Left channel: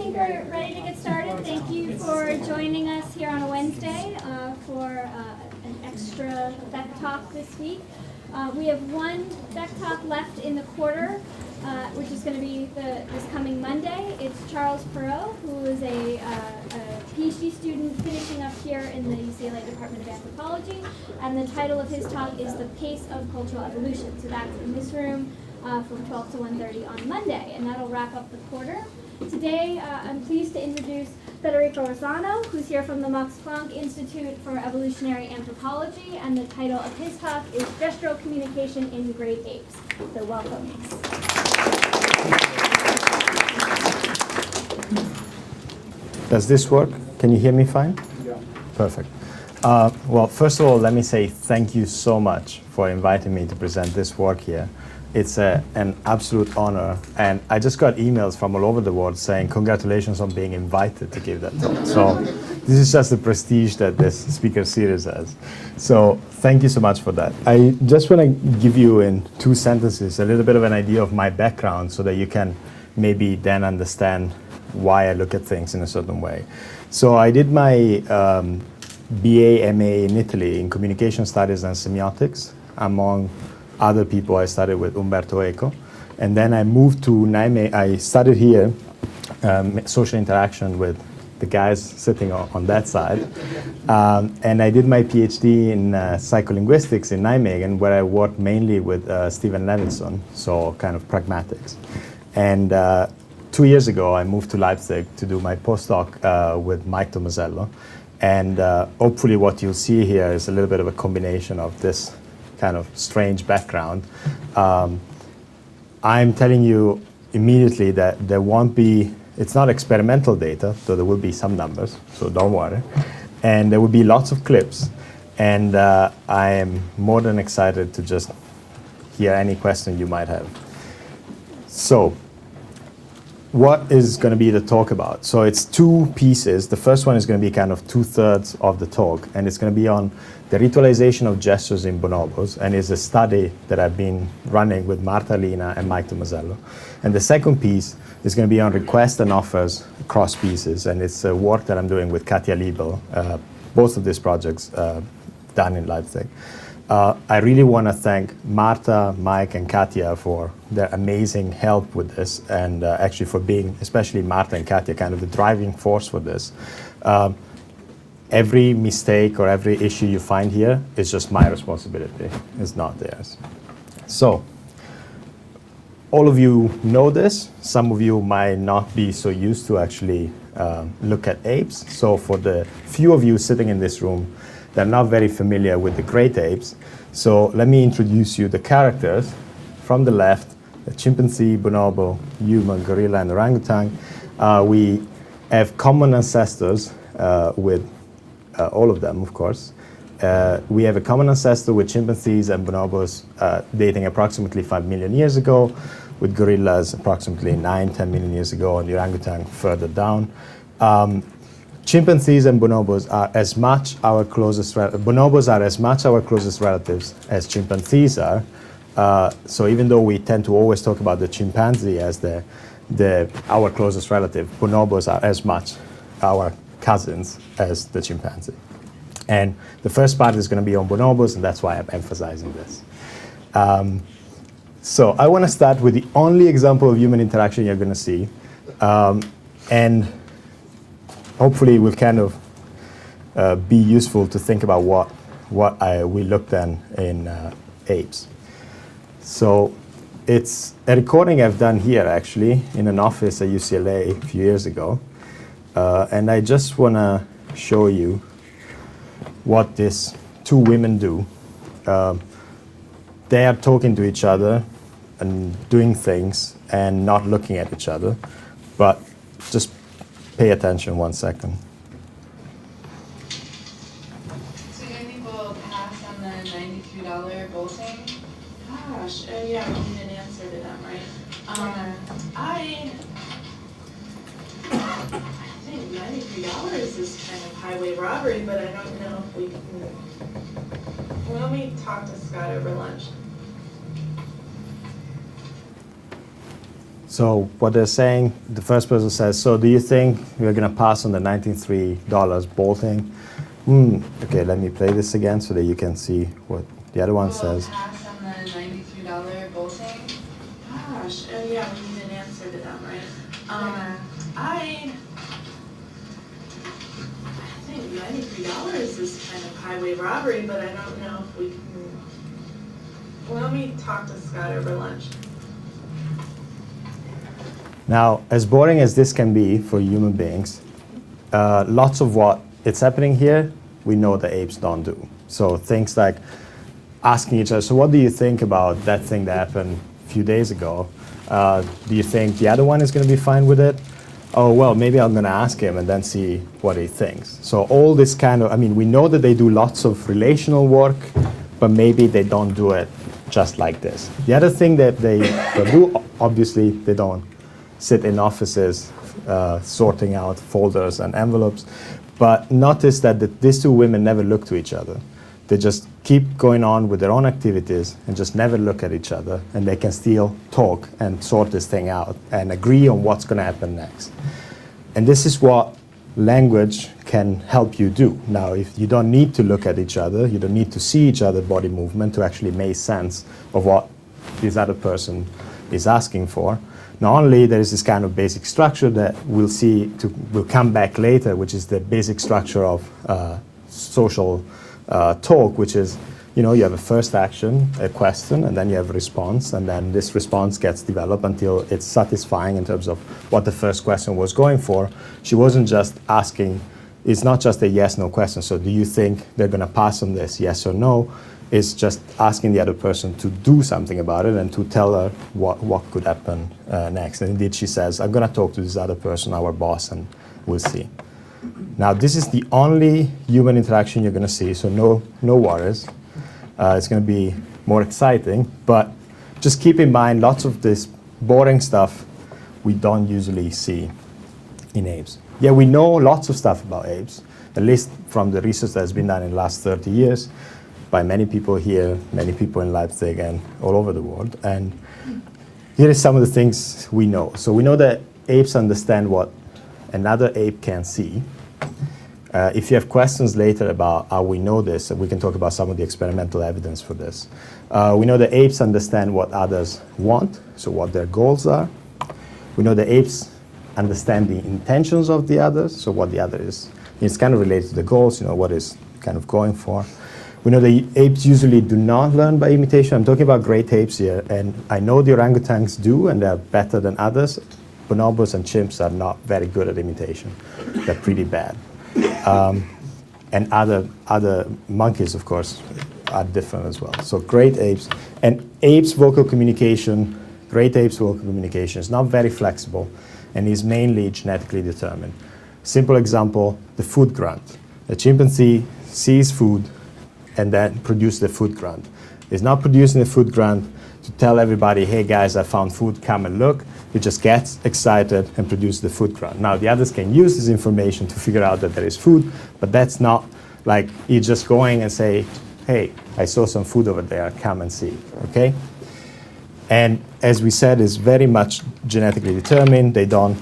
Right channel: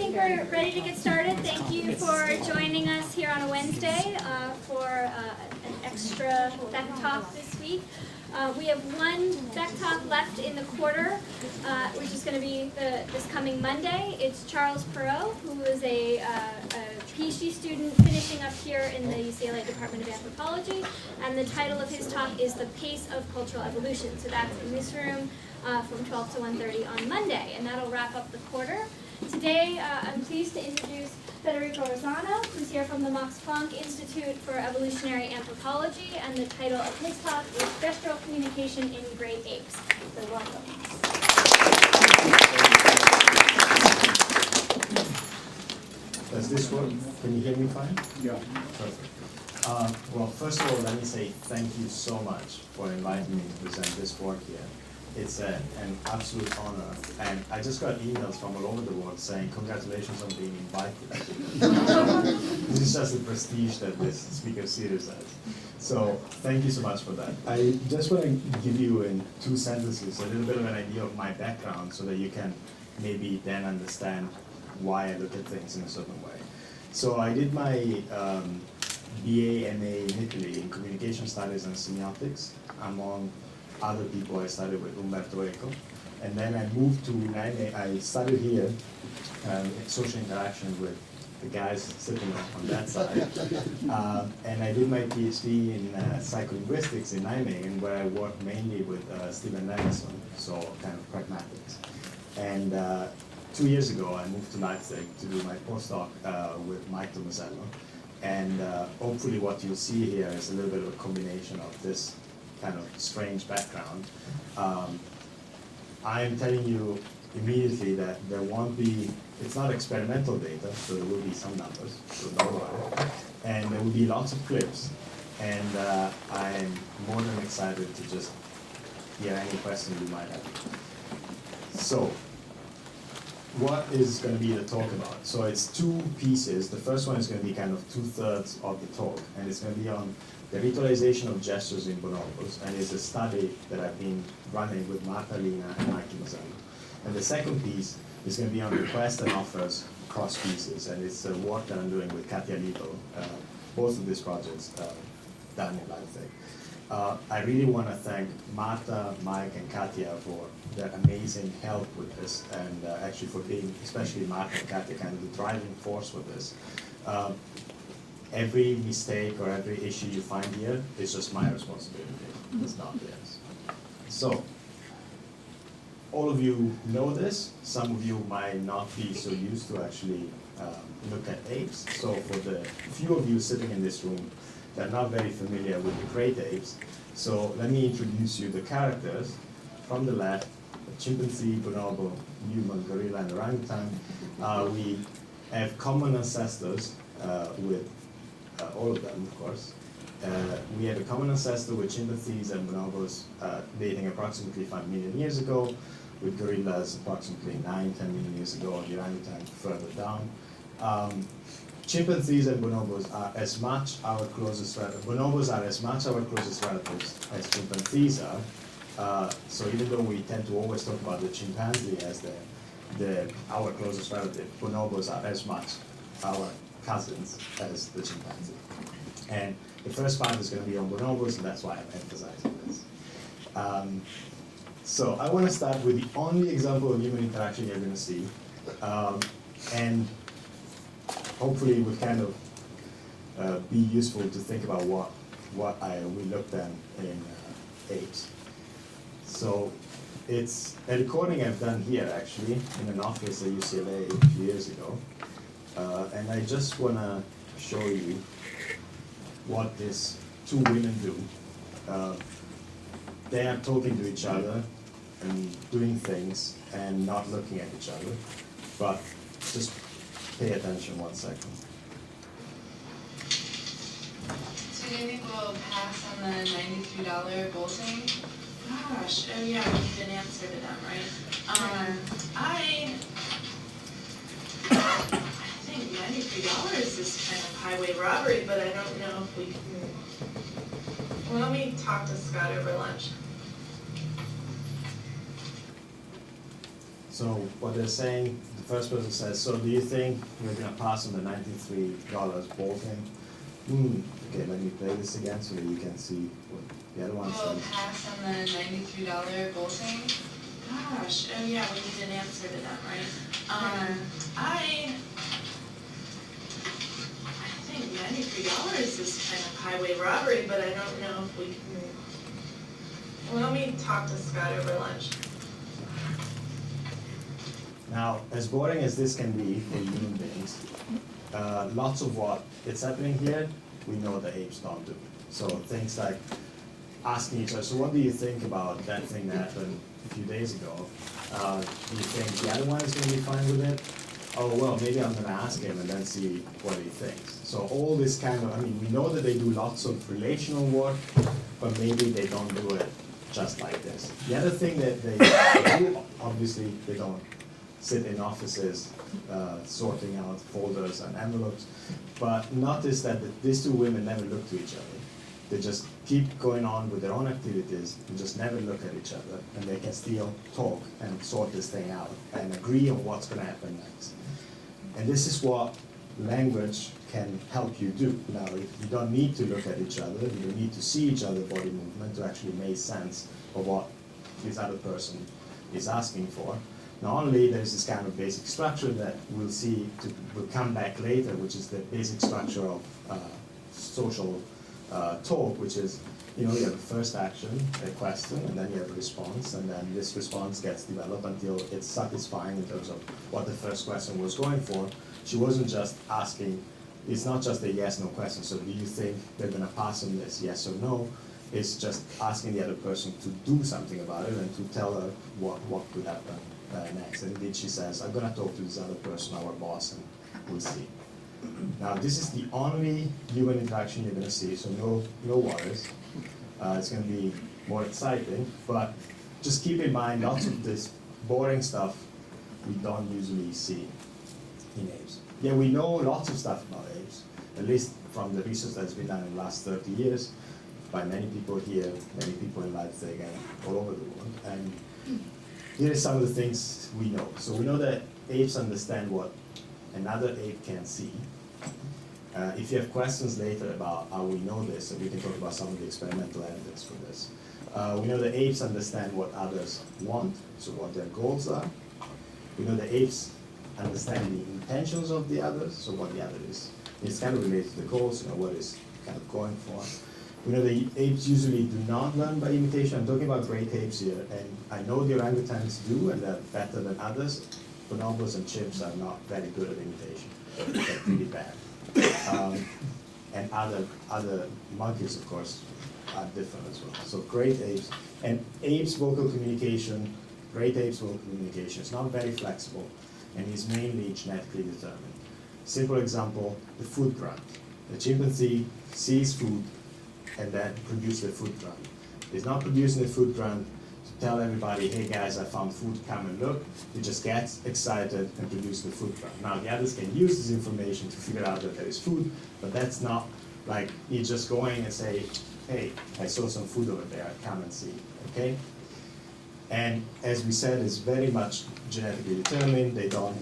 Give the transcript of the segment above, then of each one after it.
think we're ready to get started. Thank you for joining us here on a Wednesday for an extra Beck Talk this week. We have one Beck Talk left in the quarter, which is going to be this coming Monday. It's Charles Perot, who is a PhD student finishing up here in the UCLA Department of Anthropology, and the title of his talk is The Pace of Cultural Evolution. So that's in this room from 12 to 1:30 on Monday, and that'll wrap up the quarter. Today, I'm pleased to introduce Federico Rossano, who's here from the Max Planck Institute for Evolutionary Anthropology, and the title of his talk is Gestural Communication in Great Apes. So welcome. Does this work? Can you hear me fine? Yeah. Perfect. Well, first of all, let me say thank you so much for inviting me to present this work here. It's an absolute honor, and I just got emails from all over the world saying congratulations on being invited to give that talk. So this is just the prestige that this speaker series has. So thank you so much for that. I just want to give you in 2 sentences a little bit of an idea of my background so that you can maybe then understand why I look at things in a certain way. So I did my BA, MA in Italy in communication studies and semiotics. Among other people, I studied with Umberto Eco. And then I moved to Nijmegen. I studied here social interaction with the guys sitting on that side. And I did my PhD in psycholinguistics in Nijmegen, where I worked mainly with Stephen Levinson, so kind of pragmatics. And 2 years ago, I moved to Leipzig to do my postdoc with Mike Tomasello. And hopefully what you'll see here is a little bit of a combination of this kind of strange background. I'm telling you immediately that there won't be, it's not experimental data, so there will be some numbers, so don't worry. And there will be lots of clips. And I am more than excited to just hear any question you might have. So, what is going to be the talk about? So it's 2 pieces. The first one is going to be kind of 2/3 of the talk, and it's going to be on the ritualization of gestures in bonobos, and is a study that I've been running with Marta Lina and Mike Tomasello. And the second piece is going to be on requests and offers across species, and it's work that I'm doing with Katja Liebel, both of these projects done in Leipzig. I really want to thank Marta, Mike, and Katja for their amazing help with this, and actually for being, especially Marta and Katja, kind of the driving force for this. Every mistake or every issue you find here is just my responsibility. It's not theirs. So, all of you know this. Some of you might not be so used to actually look at apes. So for the few of you sitting in this room that are not very familiar with the great apes, so let me introduce you the characters. From the left, the chimpanzee, bonobo, human, gorilla, and orangutan. We have common ancestors with all of them, of course. We have a common ancestor with chimpanzees and bonobos dating approximately 5 million years ago, with gorillas approximately 9-10 million years ago, and the orangutan further down. Chimpanzees and bonobos are as much our closest bonobos are as much our closest relatives as chimpanzees are. So even though we tend to always talk about the chimpanzee as our closest relative, bonobos are as much our cousins as the chimpanzee. And the first part is going to be on bonobos, and that's why I'm emphasizing this. So I want to start with the only example of human interaction you're going to see. And hopefully it will kind of be useful to think about what we looked at in apes. So it's a recording I've done here, actually, in an office at UCLA a few years ago. And I just want to show you what these 2 women do. They are talking to each other and doing things and not looking at each other. But just pay attention 1 second. So you think we'll pass on the $93 bowl thing? Gosh, oh yeah, we need an answer to them, right? I think $93 is kind of highway robbery, but I don't know if we can. Why don't we talk to Scott over lunch? So what they're saying, the first person says, so do you think we're going to pass on the $93 bolting? Okay, let me play this again so that you can see what the other one We'll says. pass on the $93 bolting. Gosh, oh yeah, we need an answer to that, right? I think $93 is kind of highway robbery, but I don't know if we can. Well, let me talk to Scott over lunch. Now, as boring as this can be for human beings, lots of what it's happening here, we know the apes don't do. So things like asking each other, so what do you think about that thing that happened a few days ago? Do you think the other one is going to be fine with it? Oh, well, maybe I'm going to ask him and then see what he thinks. So all this kind of, I mean, we know that they do lots of relational work, but maybe they don't do it just like this. The other thing that they do, obviously, they don't sit in offices sorting out folders and envelopes. But notice that these two women never look to each other. They just keep going on with their own activities and just never look at each other. And they can still talk and sort this thing out and agree on what's going to happen next. And this is what language can help you do. Now, if you don't need to look at each other, you don't need to see each other's body movement to actually make sense of what this other person is asking for. Not only there is this kind of basic structure that we'll come back later, which is the basic structure of social talk, which is, you know, you have a first action, a question, and then you have a response, and then this response gets developed until it's satisfying in terms of what the first question was going for. She wasn't just asking, it's not just a yes-no question, so do you think they're going to pass on this, yes or no? It's just asking the other person to do something about it and to tell her what could happen next. And indeed she says, I'm going to talk to this other person, our boss, and we'll see. Now, this is the only human interaction you're going to see, so no worries. It's going to be more exciting, but just keep in mind lots of this boring stuff we don't usually see in apes. Yeah, we know lots of stuff about apes, at least from the research that's been done in the last 30 years by many people here, many people in Leipzig, and all over the world. And here is some of the things we know. So we know that apes understand what another ape can see. If you have questions later about how we know this, we can talk about some of the experimental evidence for this. We know that apes understand what others want, so what their goals are. We know that apes understand the intentions of the others, so what the other is. It's kind of related to the goals, you know, what is kind of going for. We know that apes usually do not learn by imitation. I'm talking about great apes here, and I know the orangutans do, and they're better than others. Bonobos and chimps are not very good at imitation. They're pretty bad. And other monkeys, of course, are different as well. So great apes. And apes' vocal communication, great apes' vocal communication is not very flexible and is mainly genetically determined. Simple example, the food grunt. A chimpanzee sees food and then produces the food grunt. It's not producing the food grunt to tell everybody, hey guys, I found food, come and look. It just gets excited and produces the food grunt. Now the others can use this information to figure out that there is food, but that's not like you just going and say, hey, I saw some food over there, come and see, okay? And as we said, it's very much genetically determined. They don't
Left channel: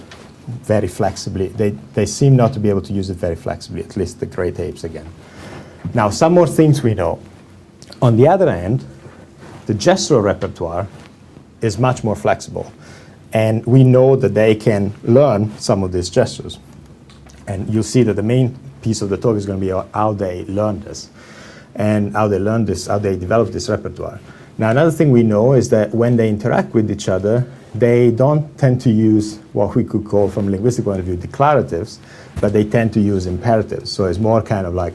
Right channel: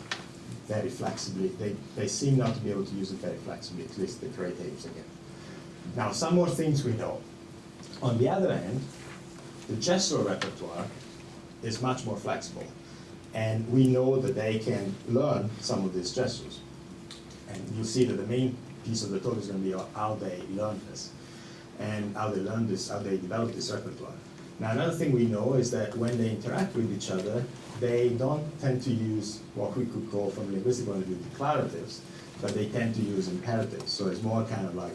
very flexibly, they seem not to be able to use it very flexibly, at least the great apes again. Now, some more things we know. On the other hand, the gestural repertoire is much more flexible. And we know that they can learn some of these gestures. And you'll see that the main piece of the talk is going to be how they learn this, and how they learn this, how they develop this repertoire. Now, another thing we know is that when they interact with each other, they don't tend to use what we could call, from a linguistic point of view, declaratives, but they tend to use imperatives. So it's more kind of like,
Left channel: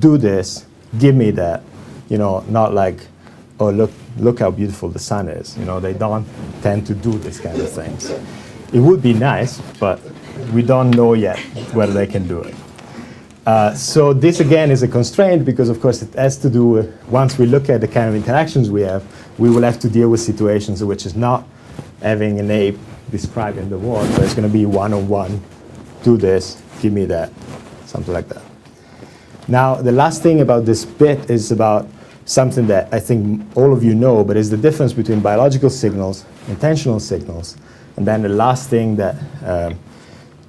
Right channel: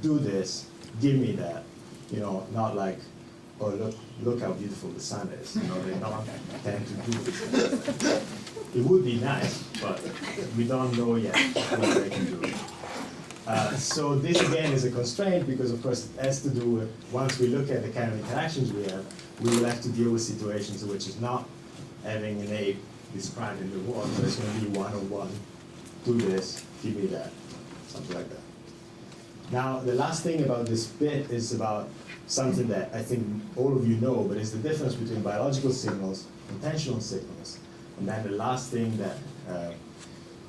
do this, give me that, you know, not like, oh, look how beautiful the sun is. You know, they don't tend to do this kind of things. It would be nice, but we don't know yet whether they can do it. So this, again, is a constraint because, of course, it has to do with, once we look at the kind of interactions we have, we will have to deal with situations in which is not having an ape describing the world, but it's going to be one-on-one, do this, give me that, something like that. Now, the last thing about this bit is about something that I think all of you know, but is the difference between biological signals, intentional signals, And then the last thing that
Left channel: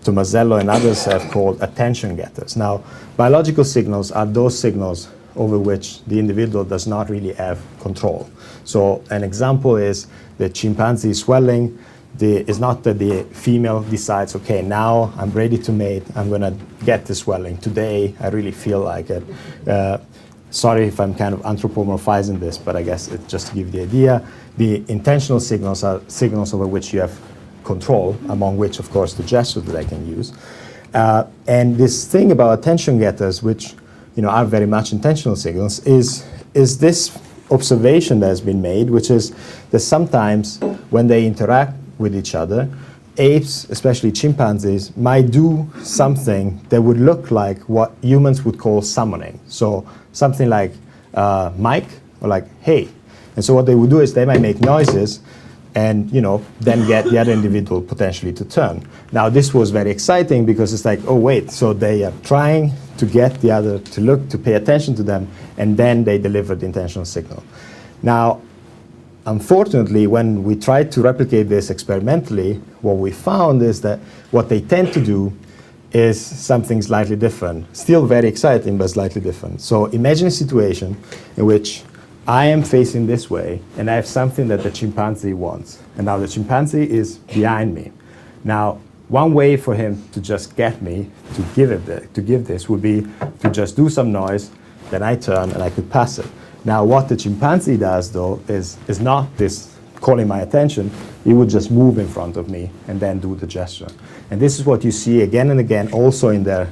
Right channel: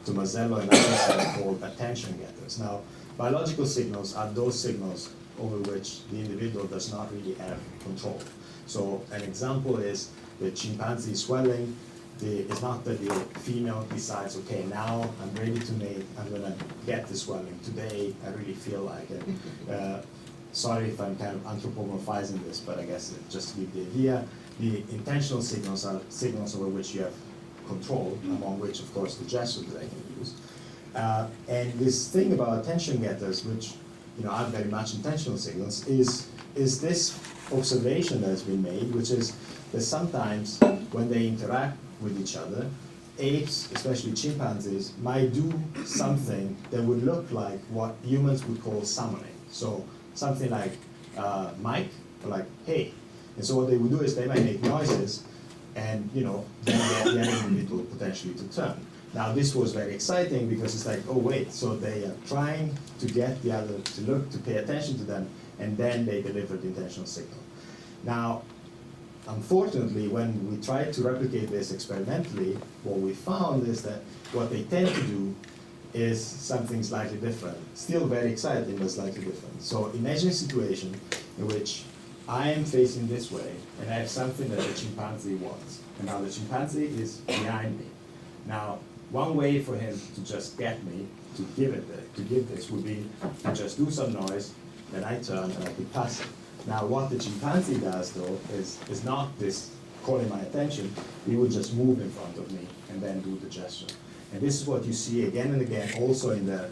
Tomasello and others have called attention getters. Now, biological signals are those signals over which the individual does not really have control. So an example is the chimpanzee swelling. It's not that the female decides, okay, now I'm ready to mate, I'm going to get the swelling. Today, I really feel like it. Sorry if I'm kind of anthropomorphizing this, but I guess it just to give the idea. The intentional signals are signals over which you have control, among which, of course, the gesture that I can use. And this thing about attention getters, which are very much intentional signals, is this observation that has been made, which is that sometimes when they interact with each other, apes, especially chimpanzees, might do something that would look like what humans would call summoning. So something like Mike or like hey. And so what they would do is they might make noises and then get the other individual potentially to turn. Now this was very exciting because it's like, oh wait, so they are trying to get the other to look, to pay attention to them, and then they deliver the intentional signal. Now, unfortunately, when we tried to replicate this experimentally, what we found is that what they tend to do is something slightly different. Still very exciting, but slightly different. So imagine a situation in which I am facing this way, and I have something that the chimpanzee wants. And now the chimpanzee is behind me. Now, one way for him to just get me to give this would be to just do some noise, then I turn and I could pass it. Now, what the chimpanzee does, though, is not this calling my attention. He would just move in front of me and then do the gesture. And this is what you see again and again also in their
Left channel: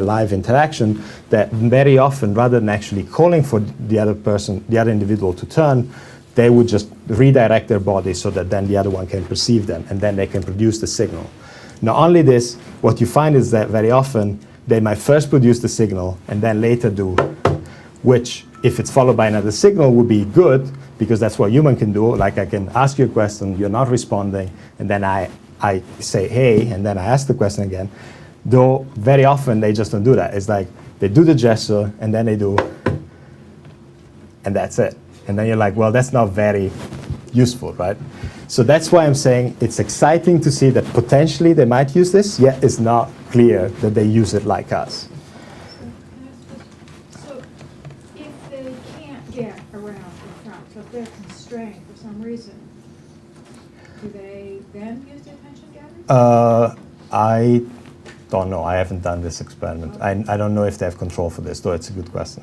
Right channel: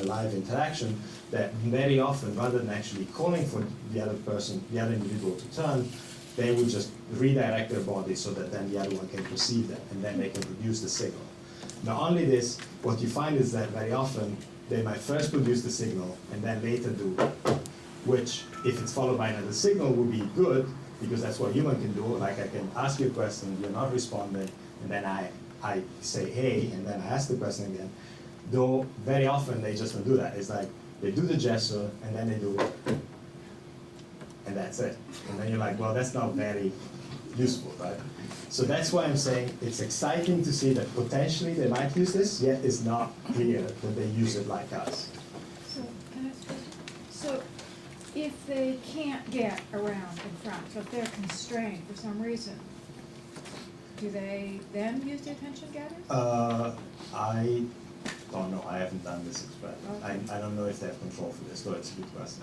live interaction, that very often, rather than actually calling for the other person, the other individual to turn, they would just redirect their body so that then the other one can perceive them, and then they can produce the signal. Not only this, what you find is that very often they might first produce the signal and then later do, which, if it's followed by another signal, would be good, because that's what human can do. Like I can ask you a question, you're not responding, and then I say, hey, and then I ask the question again. Though very often they just don't do that. It's like they do the gesture, and then they do, and that's it. And then you're like, well, that's not very useful, right? So that's why I'm saying it's exciting to see that potentially they might use this, yet it's not clear that they use it like us. So if they can't get around in front, so if they're constrained for some reason, do they then use the attention gathers? I don't know. I haven't done this experiment. Okay. I don't know if they have control for this, though it's a good question.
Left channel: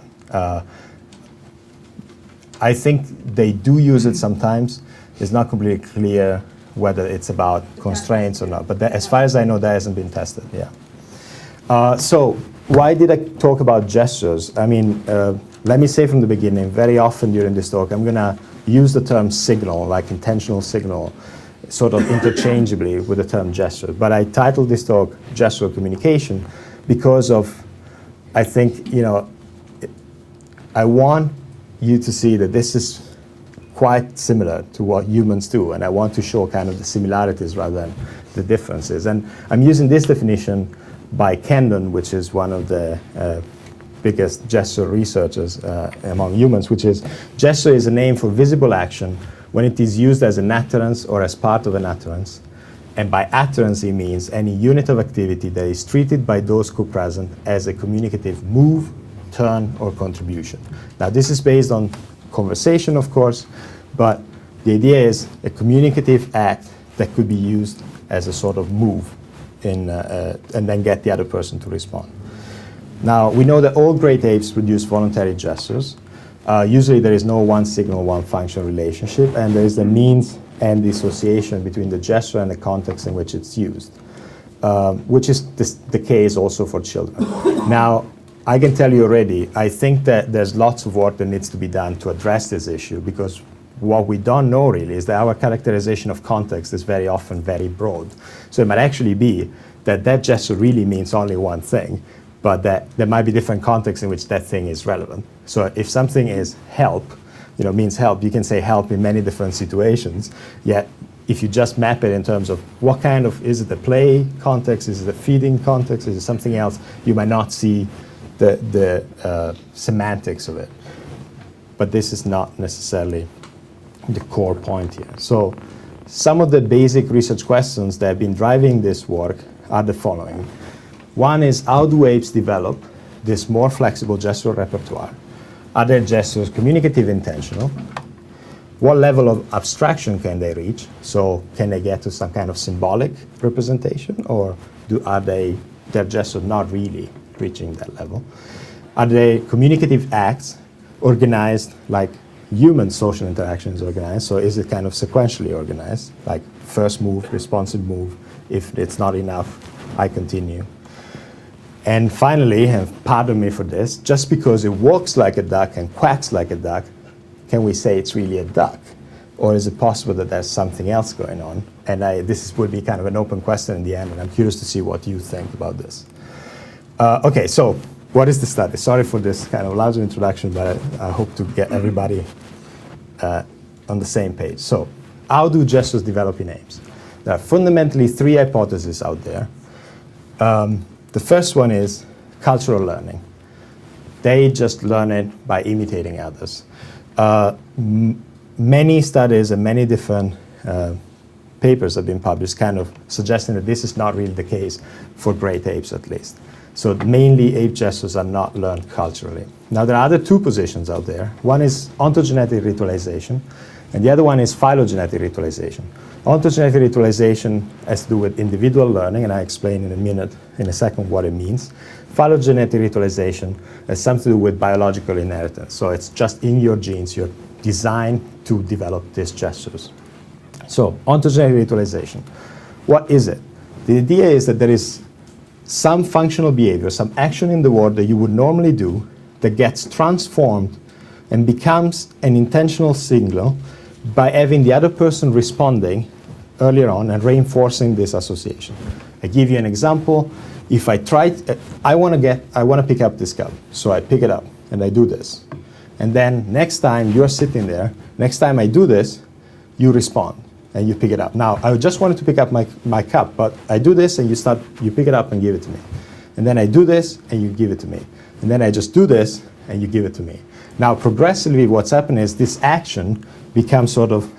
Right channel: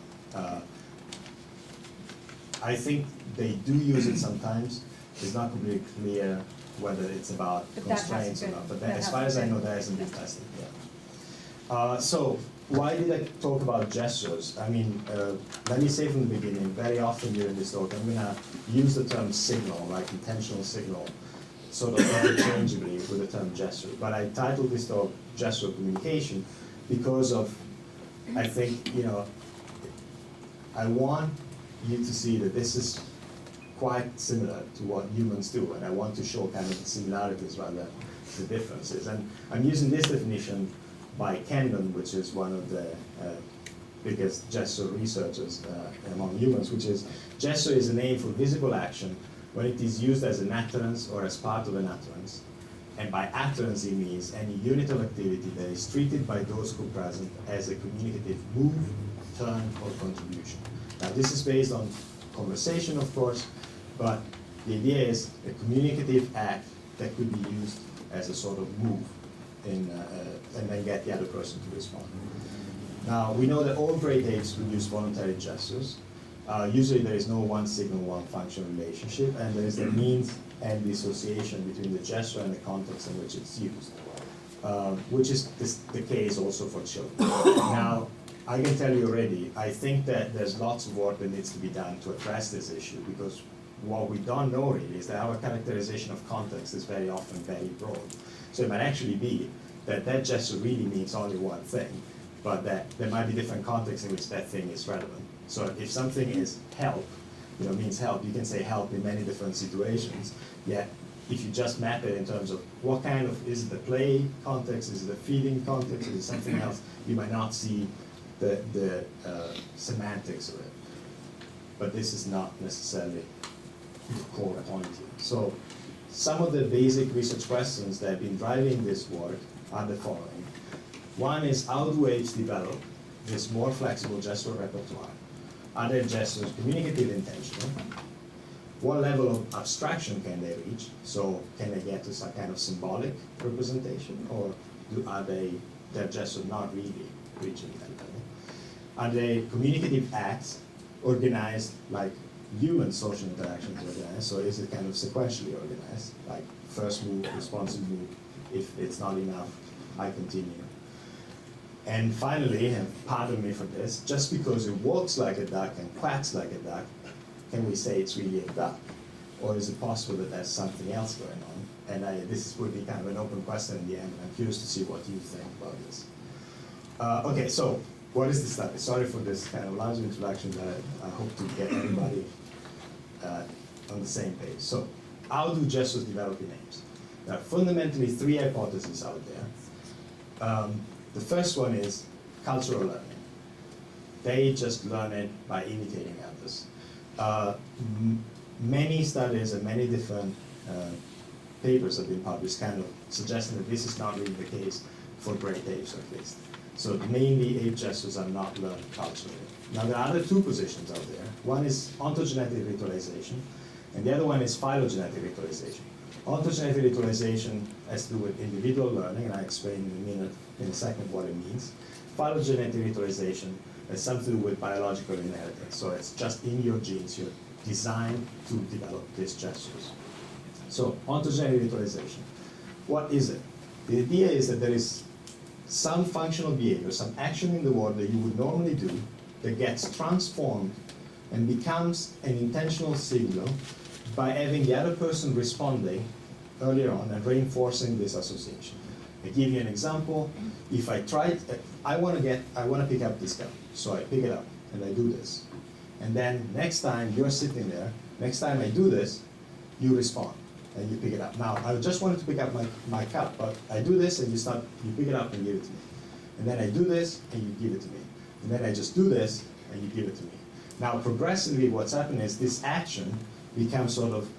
I think they do use it sometimes. It's not completely clear whether it's about constraints or not. But that, as far as I know, that hasn't been tested. Yeah. So why did I talk about gestures? I mean, let me say from the beginning, very often during this talk, I'm going to use the term signal, like intentional signal, sort of interchangeably with the term gesture. But I titled this talk Gestural Communication because of, I think, I want you to see that this is quite similar to what humans do, and I want to show kind of the similarities rather than the differences. And I'm using this definition by Kendon, which is one of the biggest gesture researchers among humans, which is gesture is a name for visible action when it is used as an utterance or as part of an utterance. And by utterance, he means any unit of activity that is treated by those co-present as a communicative move, turn, or contribution. Now, this is based on conversation, of course, but the idea is a communicative act that could be used as a sort of move and then get the other person to respond. Now, we know that all great apes produce voluntary gestures. Usually there is no one signal, one function relationship, and there is the means and the association between the gesture and the context in which it's used, which is the case also for children. Now, I can tell you already, I think that there's lots of work that needs to be done to address this issue, because what we don't know really is that our characterization of context is very often very broad. So it might actually be that that gesture really means only one thing, but that there might be different contexts in which that thing is relevant. So if something is help, means help, you can say help in many different situations, yet if you just map it in terms of what kind of, is it a play context, is it a feeding context, is it something else, you might not see the semantics of it. But this is not necessarily the core point here. So some of the basic research questions that have been driving this work are the following. One is, how do apes develop this more flexible gestural repertoire? Are their gestures communicative, intentional? What level of abstraction can they reach? So can they get to some kind of symbolic representation, or are their gestures not really reaching that level? Are they communicative acts organized like human social interaction is organized? So is it kind of sequentially organized, like first move, responsive move? If it's not enough, I continue. And finally, and pardon me for this, just because it walks like a duck and quacks like a duck, can we say it's really a duck? Or is it possible that there's something else going on? And this would be kind of an open question in the end, and I'm curious to see what you think about this. Okay, so what is the study? Sorry for this kind of lousy introduction, but I hope to get everybody on the same page. So how do gestures develop in apes? There are fundamentally three hypotheses out there. The first one is cultural learning. They just learn it by imitating others. Many studies and many different papers have been published kind of suggesting that this is not really the case for great apes, at least. So mainly ape gestures are not learned culturally. Now there are other two positions out there. One is ontogenetic ritualization, and the other one is phylogenetic ritualization. Ontogenetic ritualization has to do with individual learning, and I'll explain in a second what it means. Phylogenetic ritualization has something to do with biological inheritance. So it's just in your genes, you're designed to develop these gestures. So ontogenetic ritualization, what is it? The idea is that there is some functional behavior, some action in the world that you would normally do that gets transformed and becomes an intentional signal by having the other person responding earlier on and reinforcing this association. I give you an example. If I want to pick up this cup, so I pick it up and I do this. And then next time you're sitting there, next time I do this, you respond and you pick it up. Now, I just wanted to pick up my cup, but I do this and you pick it up and give it to me. And then I do this and you give it to me. And then I just do this and you give it to me. Now, progressively, what's happened is this action becomes sort of,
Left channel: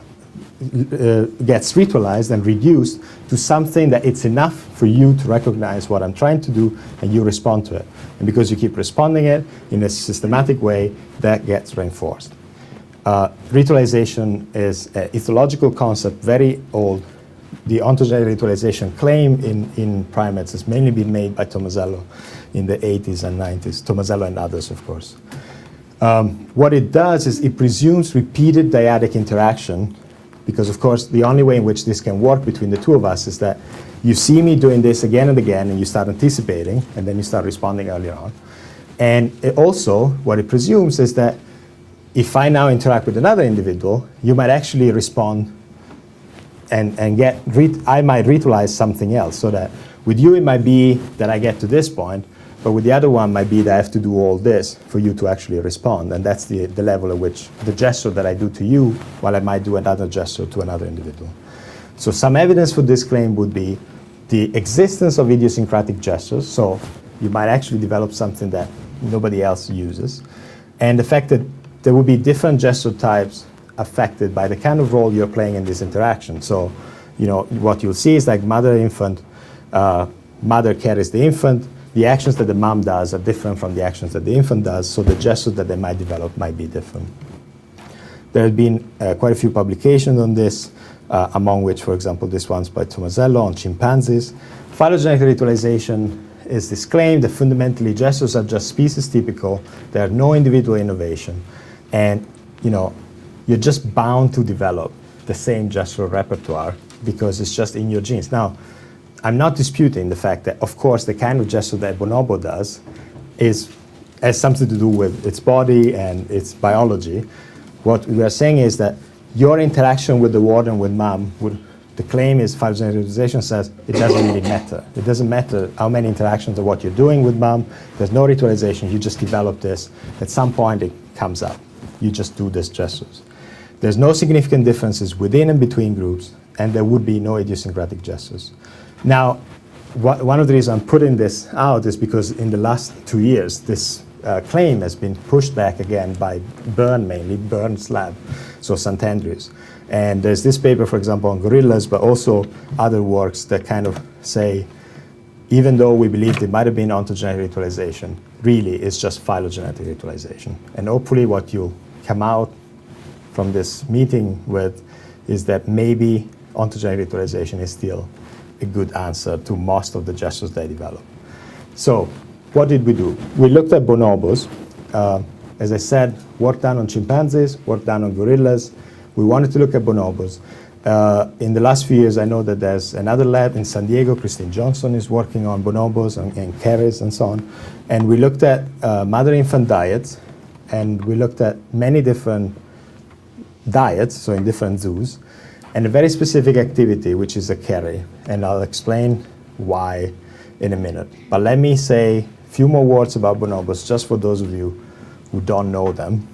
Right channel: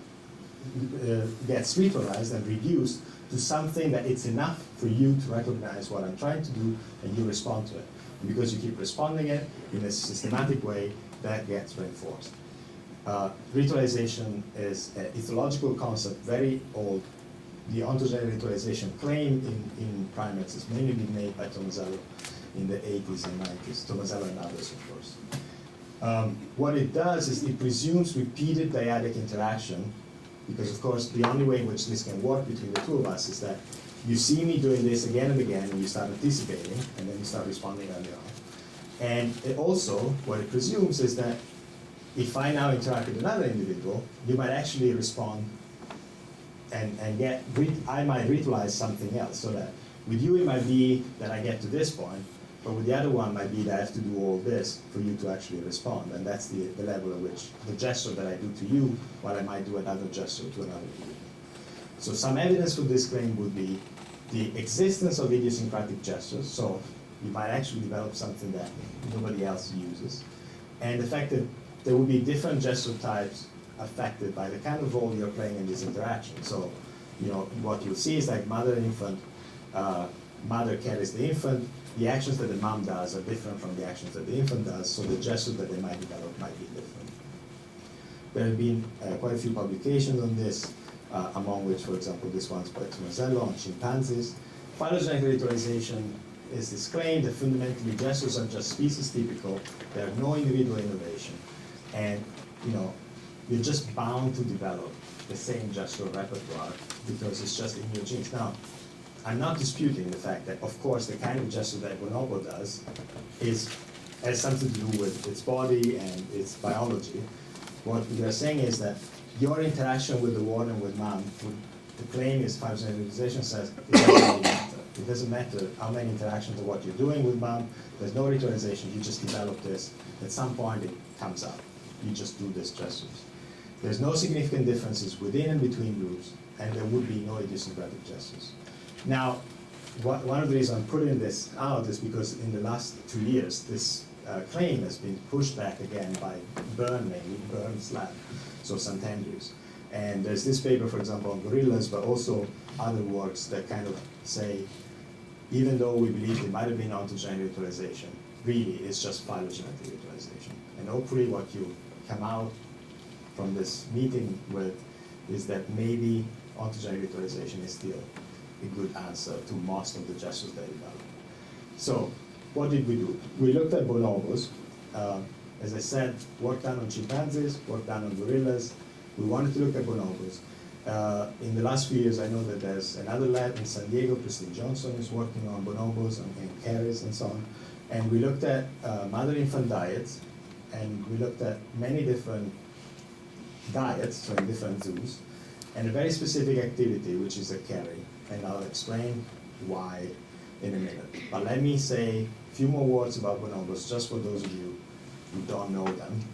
gets ritualized and reduced to something that it's enough for you to recognize what I'm trying to do and you respond to it. And because you keep responding it in a systematic way, that gets reinforced. Ritualization is an ethological concept, very old. The ontogenic ritualization claim in primates has mainly been made by Tomasello in the 80s and 90s, Tomasello and others, of course. What it does is it presumes repeated dyadic interaction, because of course the only way in which this can work between the two of us is that you see me doing this again and again and you start anticipating and then you start responding earlier on. And it also, what it presumes is that if I now interact with another individual, you might actually respond and I might ritualize something else, so that with you it might be that I get to this point, but with the other one might be that I have to do all this for you to actually respond. And that's the level at which the gesture that I do to you, while I might do another gesture to another individual. So some evidence for this claim would be the existence of idiosyncratic gestures. So you might actually develop something that nobody else uses. And the fact that there will be different gesture types affected by the kind of role you're playing in this interaction. So, what you'll see is like mother-infant, mother carries the infant. The actions that the mom does are different from the actions that the infant does, so the gestures that they might develop might be different. There have been quite a few publications on this, among which, for example, this one's by Tomasello on chimpanzees. Phylogenetic ritualization is this claim that fundamentally gestures are just species typical, there are no individual innovation, and you're just bound to develop the same gestural repertoire because it's just in your genes. Now, I'm not disputing the fact that, of course, the kind of gesture that Bonobo does has something to do with its body and its biology. What we are saying is that your interaction with the world and with mom, the claim is phylogenetic ritualization says it doesn't really matter. It doesn't matter how many interactions or what you're doing with mom. There's no ritualization. You just develop this. At some point, it comes up. You just do these gestures. There's no significant differences within and between groups, and there would be no idiosyncratic gestures. Now, one of the reasons I'm putting this out is because in the last 2 years, this claim has been pushed back again by Bern's lab, so St. Andrews. And there's this paper, for example, on gorillas, but also other works that kind of say, even though we believe it might have been ontogenetic ritualization, really it's just phylogenetic ritualization. And hopefully what you come out from this meeting with is that maybe ontogenetic ritualization is still a good answer to most of the gestures they develop. So what did we do? We looked at bonobos. As I said, work done on chimpanzees, work done on gorillas. We wanted to look at bonobos. In the last few years, I know that there's another lab in San Diego, Christine Johnson is working on bonobos and carries and so on. And we looked at mother-infant diets, and we looked at many different diets, so in different zoos, and a very specific activity, which is a carry. And I'll explain why in a minute. But let me say a few more words about bonobos, just for those of you who don't know them.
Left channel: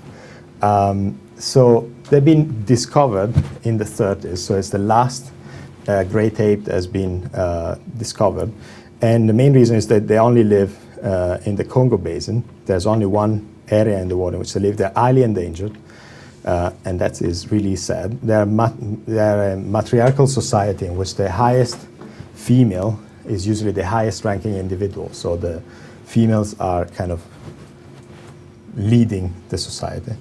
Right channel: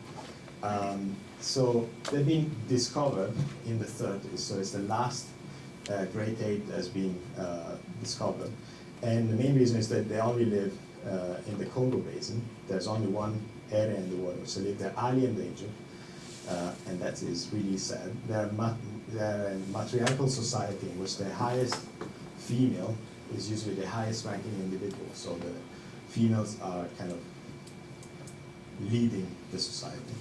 So they've been discovered in the 30s, so it's the last great ape that has been discovered. And the main reason is that they only live in the Congo Basin. There's only one area in the world in which they live. They're highly endangered, and that is really sad. They're a matriarchal society in which the highest female is usually the highest ranking individual. So the females are kind of leading the society.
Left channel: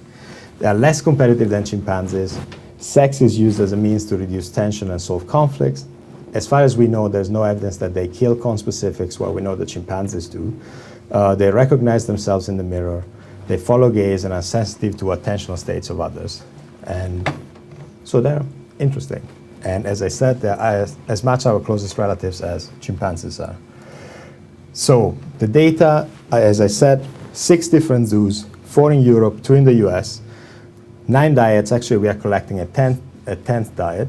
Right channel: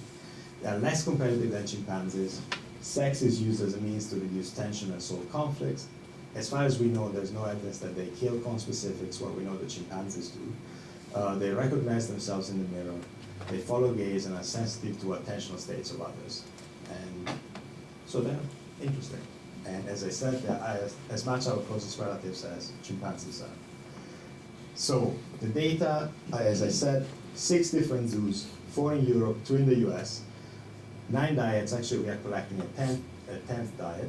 They are less competitive than chimpanzees. Sex is used as a means to reduce tension and solve conflicts. As far as we know, there's no evidence that they kill conspecifics, while we know that chimpanzees do. They recognize themselves in the mirror. They follow gaze and are sensitive to attentional states of others. And so they're interesting. And as I said, they're as much our closest relatives as chimpanzees are. So the data, as I said, 6 different zoos, 4 in Europe, 2 in the US, 9 diets. Actually, we are collecting a 10th diet.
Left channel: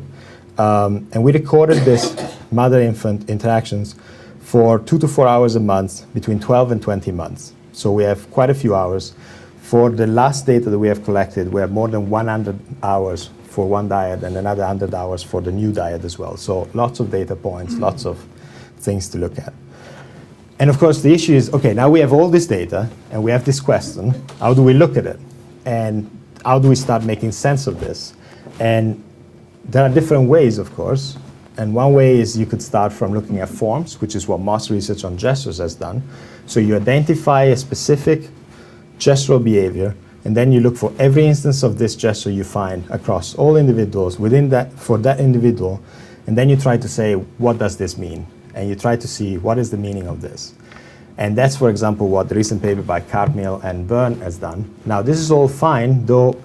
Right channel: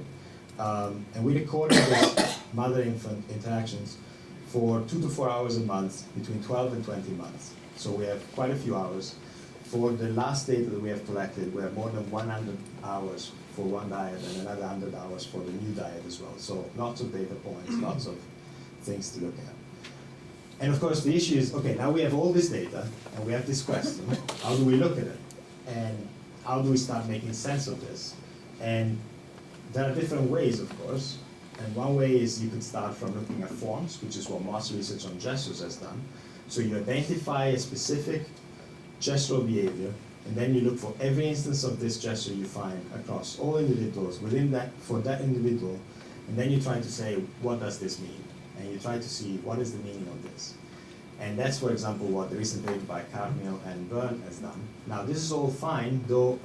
And we recorded this mother-infant interactions for 2 to 4 hours a month, between 12 and 20 months. So we have quite a few hours. For the last data that we have collected, we have more than 100 hours for one diet and another 100 hours for the new diet as well. So lots of data points, lots of things to look at. And of course, the issue is, okay, now we have all this data, and we have this question, how do we look at it? And how do we start making sense of this? And there are different ways, of course. And one way is you could start from looking at forms, which is what most research on gestures has done. So you identify a specific gestural behavior, and then you look for every instance of this gesture you find across all individuals within that, for that individual, and then you try to say, what does this mean? And you try to see what is the meaning of this. And that's, for example, what the recent paper by Cartmill and Byrne has done. Now, this is all fine, though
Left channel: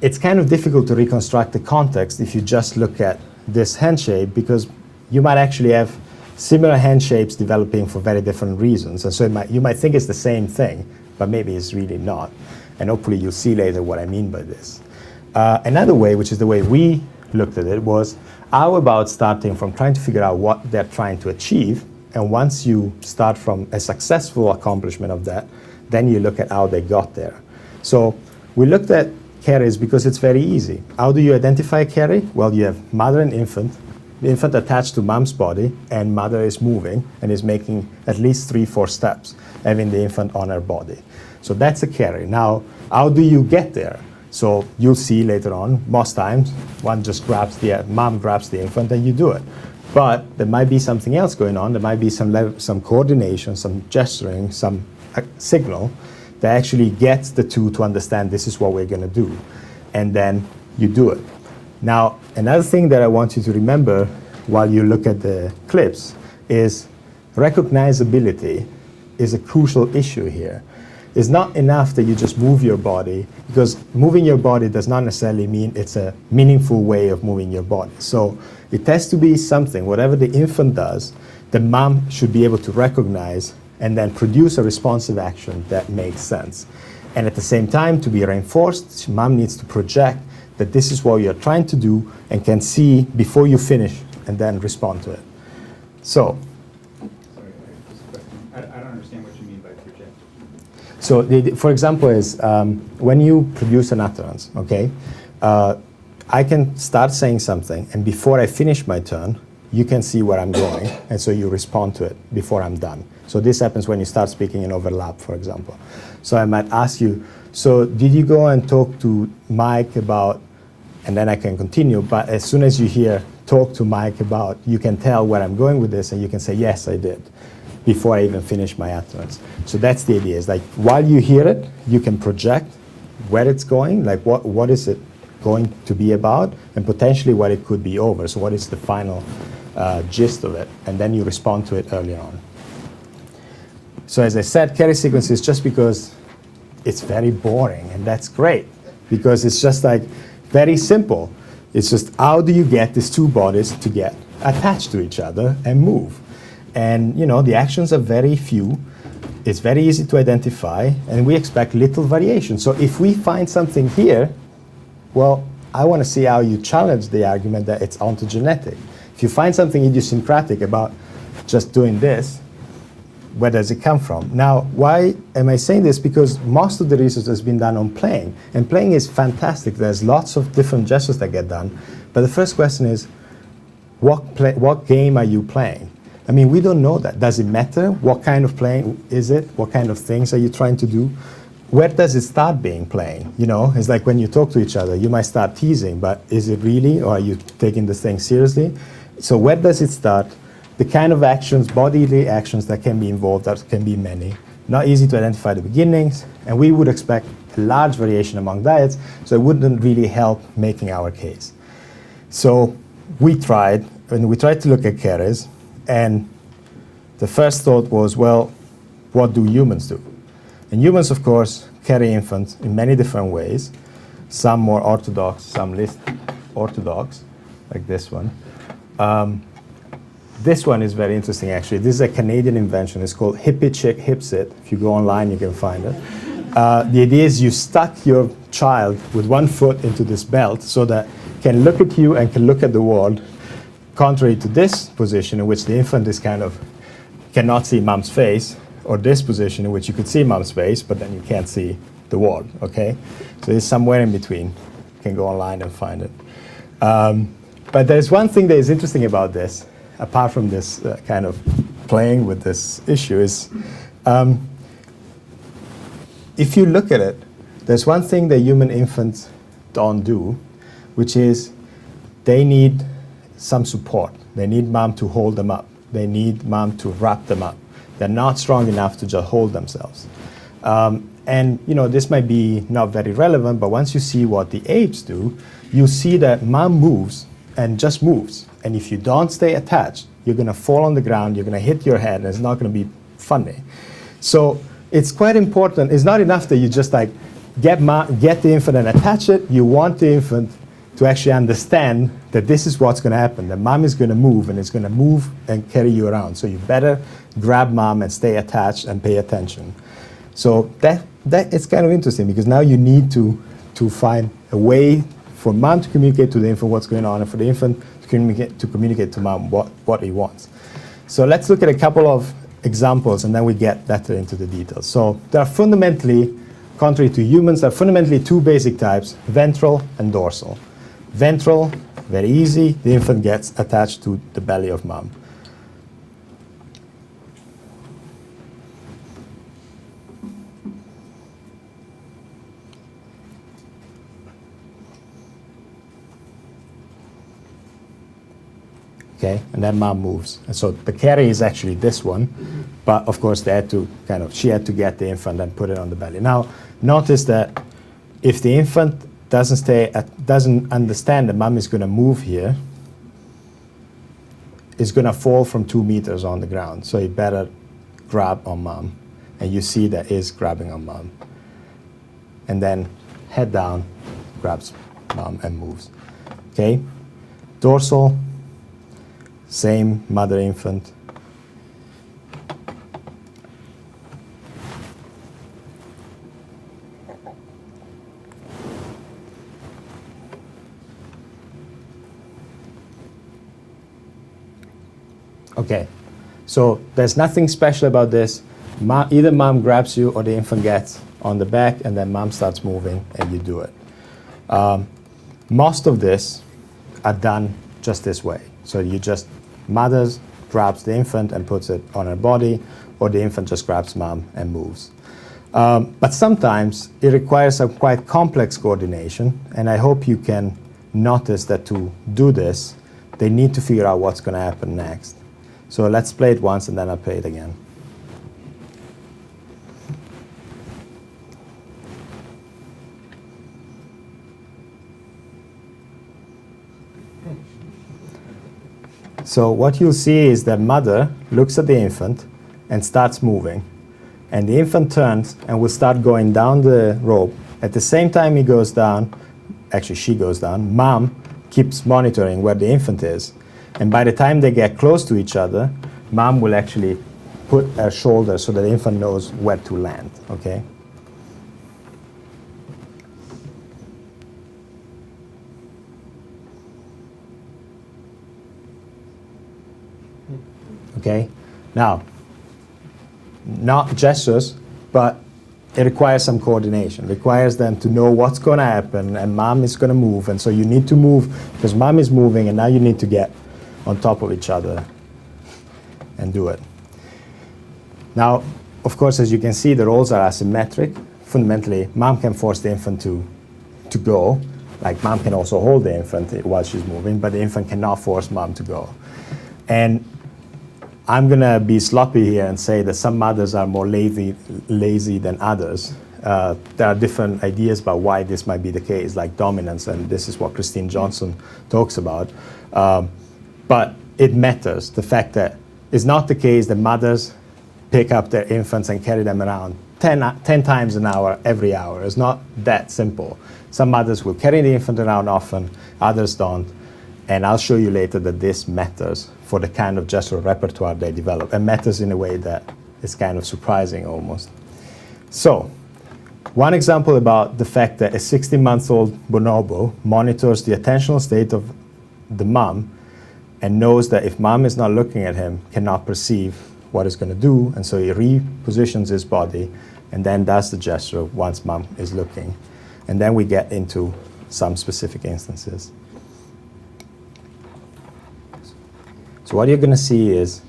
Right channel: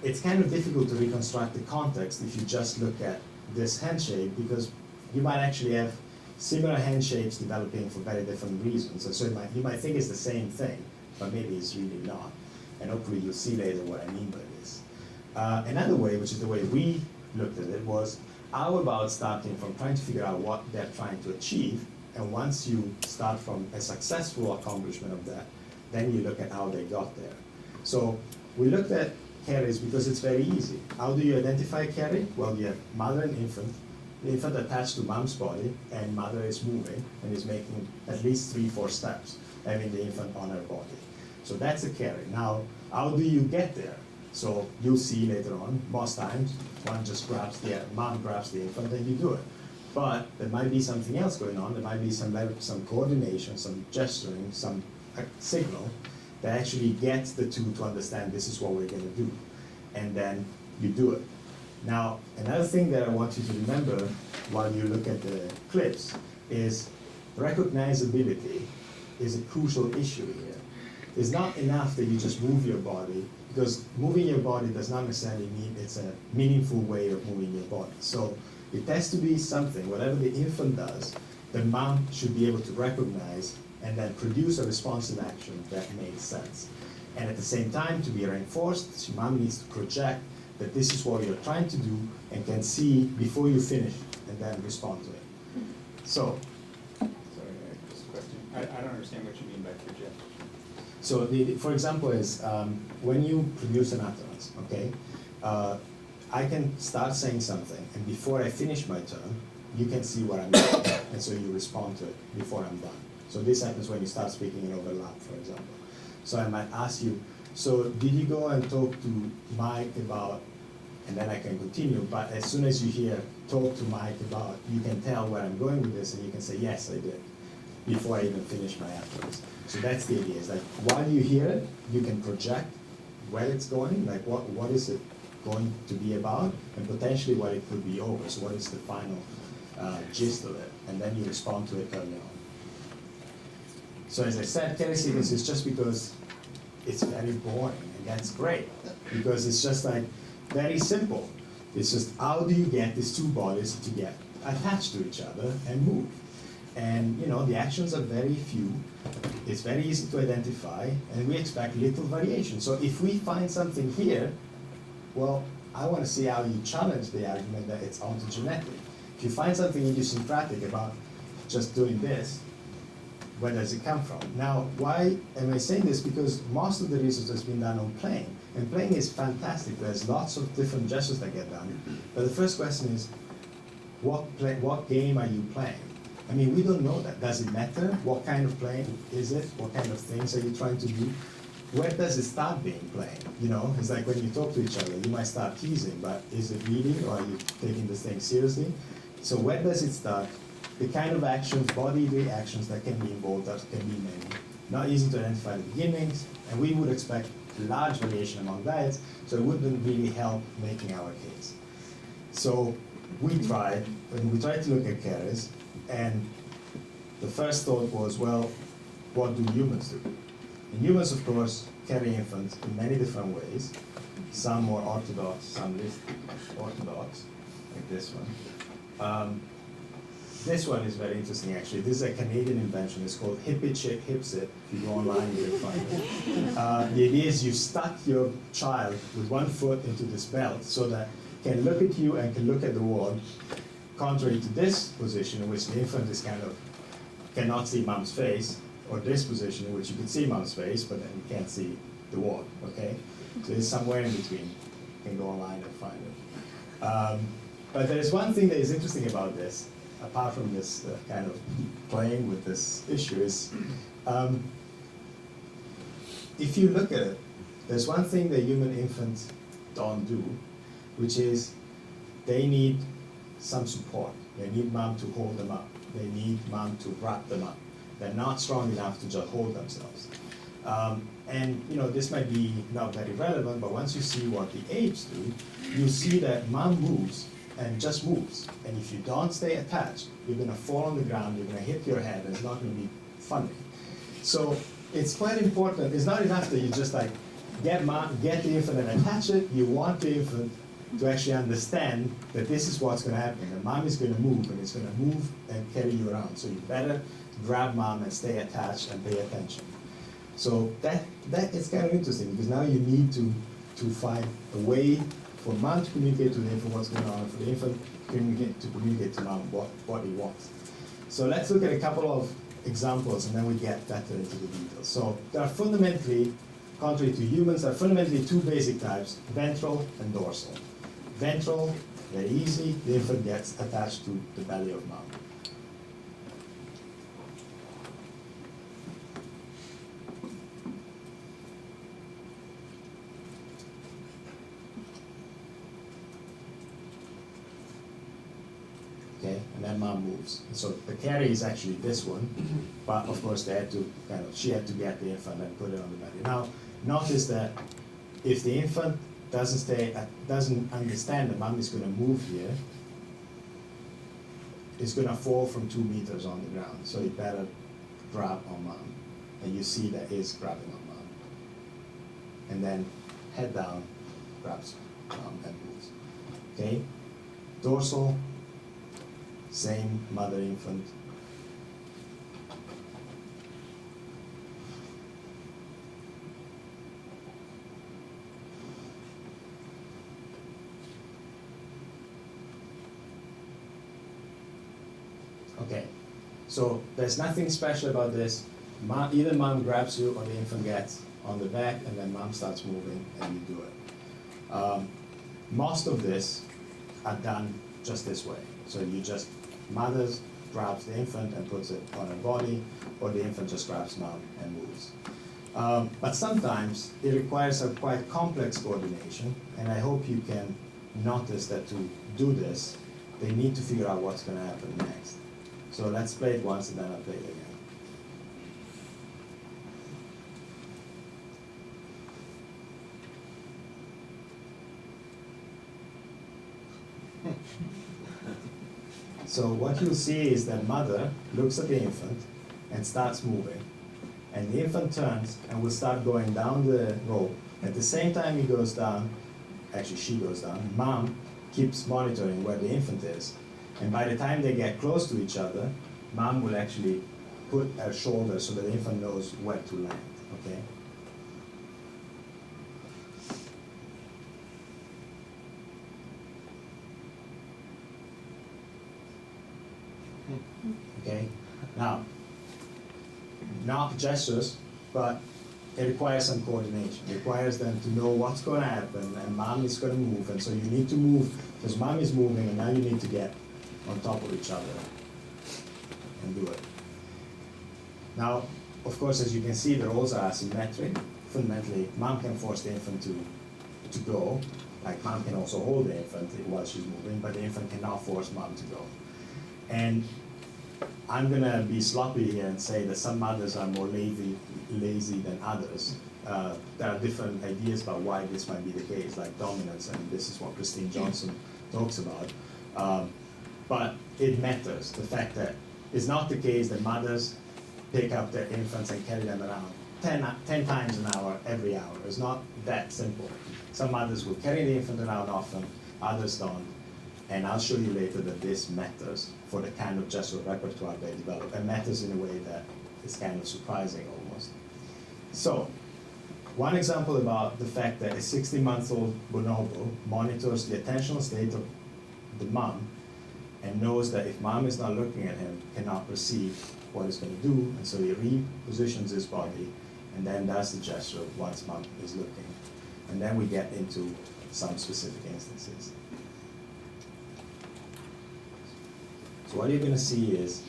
it's kind of difficult to reconstruct the context if you just look at this hand shape, because you might actually have similar hand shapes developing for very different reasons. And so you might think it's the same thing, but maybe it's really not. And hopefully you'll see later what I mean by this. Another way, which is the way we looked at it, was how about starting from trying to figure out what they're trying to achieve, and once you start from a successful accomplishment of that, then you look at how they got there. So we looked at carries because it's very easy. How do you identify a carry? Well, you have mother and infant, the infant attached to mom's body, and mother is moving and is making at least 3-4 steps, having the infant on her body. So that's a carry. Now, how do you get there? So you'll see later on, most times, one just grabs mom grabs the infant and you do it. But there might be something else going on. There might be some coordination, some gesturing, some signal that actually gets the two to understand this is what we're going to do. And then you do it. Now, another thing that I want you to remember while you look at the clips is recognizability is a crucial issue here. It's not enough that you just move your body, because moving your body does not necessarily mean it's a meaningful way of moving your body. So it has to be something, whatever the infant does, the mom should be able to recognize and then produce a responsive action that makes sense. And at the same time, to be reinforced, mom needs to project that this is what you're trying to do and can see before you finish and then respond to it. So, sorry, just a question. I don't understand what you mean by project. So, for example, is when you produce an utterance, okay, I can start saying something, and before I finish my turn, you can see where I'm going, and so you respond to it before I'm done. So this happens when you start speaking in overlap, for example. So I might ask you, so did you go and talk to Mike about and then I can continue. But as soon as you hear talk to Mike about, you can tell where I'm going with this, and you can say, yes, I did, before I even finish my utterance. So that's the idea. It's like while you hear it, you can project where it's going, like what is it going to be about, and potentially what it could be over. So what is the final gist of it, and then you respond to it early on. So as I said, carry sequence is just because it's very boring, and that's great, because it's just like very simple. It's just how do you get these two bodies to get attached to each other and move? And the actions are very few. It's very easy to identify, and we expect little variation. So if we find something here, well, I want to see how you challenge the argument that it's ontogenetic. If you find something idiosyncratic about just doing this, where does it come from? Now, why am I saying this? Because most of the research has been done on playing, and playing is fantastic. There's lots of different gestures that get done. But the first question is, what game are you playing? I mean, we don't know that. Does it matter? What kind of playing is it? What kind of things are you trying to do? Where does it start being playing? It's like when you talk to each other, you might start teasing, but is it really, or are you taking this thing seriously? So where does it start? The kind of actions, bodily actions that can be involved, that can be many. Not easy to identify the beginnings, and we would expect a large variation among diets, so it wouldn't really help making our case. So we tried to look at carriers, and the first thought was, well, what do humans do? And humans, of course, carry infants in many different ways, some more orthodox, some less orthodox, like this one. This one is very interesting, actually. This is a Canadian invention. It's called Hippie Chick Hipsit. If you go online, you can find it. The idea is you stuck your child with one foot into this belt so that it can look at you and can look at the wall, contrary to this position in which the infant is cannot see mom's face, or this position in which you could see mom's face, but then you can't see the wall, okay? So it's somewhere in between. You can go online and find it. But there's one thing that is interesting about this, apart from this kind of playing with this issue, is if you look at it, there's one thing that human infants don't do, which is they need some support. They need mom to hold them up. They need mom to wrap them up. They're not strong enough to just hold themselves. And this might be not very relevant, but once you see what the apes do, you see that mom moves and just moves. And if you don't stay attached, you're going to fall on the ground, you're going to hit your head, and it's not going to be funny. So it's quite important. It's not enough that you just get the infant and attach it. You want the infant to actually understand that this is what's going to happen. That mom is going to move, and it's going to move and carry you around. So you better grab mom and stay attached and pay attention. So that it's kind of interesting, because now you need to find a way for mom to communicate to the infant what's going on, and for the infant to communicate to mom what he wants. So let's look at a couple of examples, and then we get better into the details. So there are fundamentally, contrary to humans, there are fundamentally two basic types, ventral and dorsal. Ventral, very easy, the infant gets attached to the belly of mom. Okay, and then mom moves. And so the carry is actually this one, but of course they had to she had to get the infant and put it on the belly. Now, notice that if the infant doesn't understand that mom is going to move here, it's going to fall from 2 meters on the ground. So you better grab on mom, and you see that is grabbing on mom. And then head down, grabs mom and moves. Okay, dorsal. Same mother-infant. Okay, so there's nothing special about this. Either mom grabs you or the infant gets on the back, and then mom starts moving and you do it. Most of this are done just this way. So you just, mother grabs the infant and puts it on her body, or the infant just grabs mom and moves. But sometimes it requires a quite complex coordination, and I hope you can notice that to do this, they need to figure out what's going to happen next. So let's play it once and then I'll play it again. So what you'll see is that mother looks at the infant and starts moving. And the infant turns and will start going down the rope. At the same time he goes down, actually she goes down, mom keeps monitoring where the infant is. And by the time they get close to each other, mom will actually put her shoulder so that the infant knows where to land, okay? Okay? Now, not gestures, but it requires some coordination. It requires them to know what's going to happen, and mom is going to move, and so you need to move because mom is moving, and now you need to get on top of each other and do it. Now, of course, as you can see, the roles are asymmetric. Fundamentally, mom can force the infant to go. Like mom can also hold the infant while she's moving, but the infant cannot force mom to go. And I'm going to be sloppy here and say that some mothers are more lazy than others. There are different ideas about why this might be the case, like dominance, and this is what Christine Johnson talks about. But it matters, the fact that it's not the case that mothers pick up their infants and carry them around 10 times an hour, every hour. It's not that simple. Some mothers will carry the infant around often, others don't. And I'll show you later that this matters for the kind of gestural repertoire they develop, and matters in a way that is kind of surprising almost. So, one example about the fact that a 16-month-old bonobo monitors the attentional state of the mom and knows that if mom is not looking at him, cannot perceive what he's going to do, and so he repositions his body and then does the gesture once mom is looking. And then we get into some specific instances. So what you're going to see is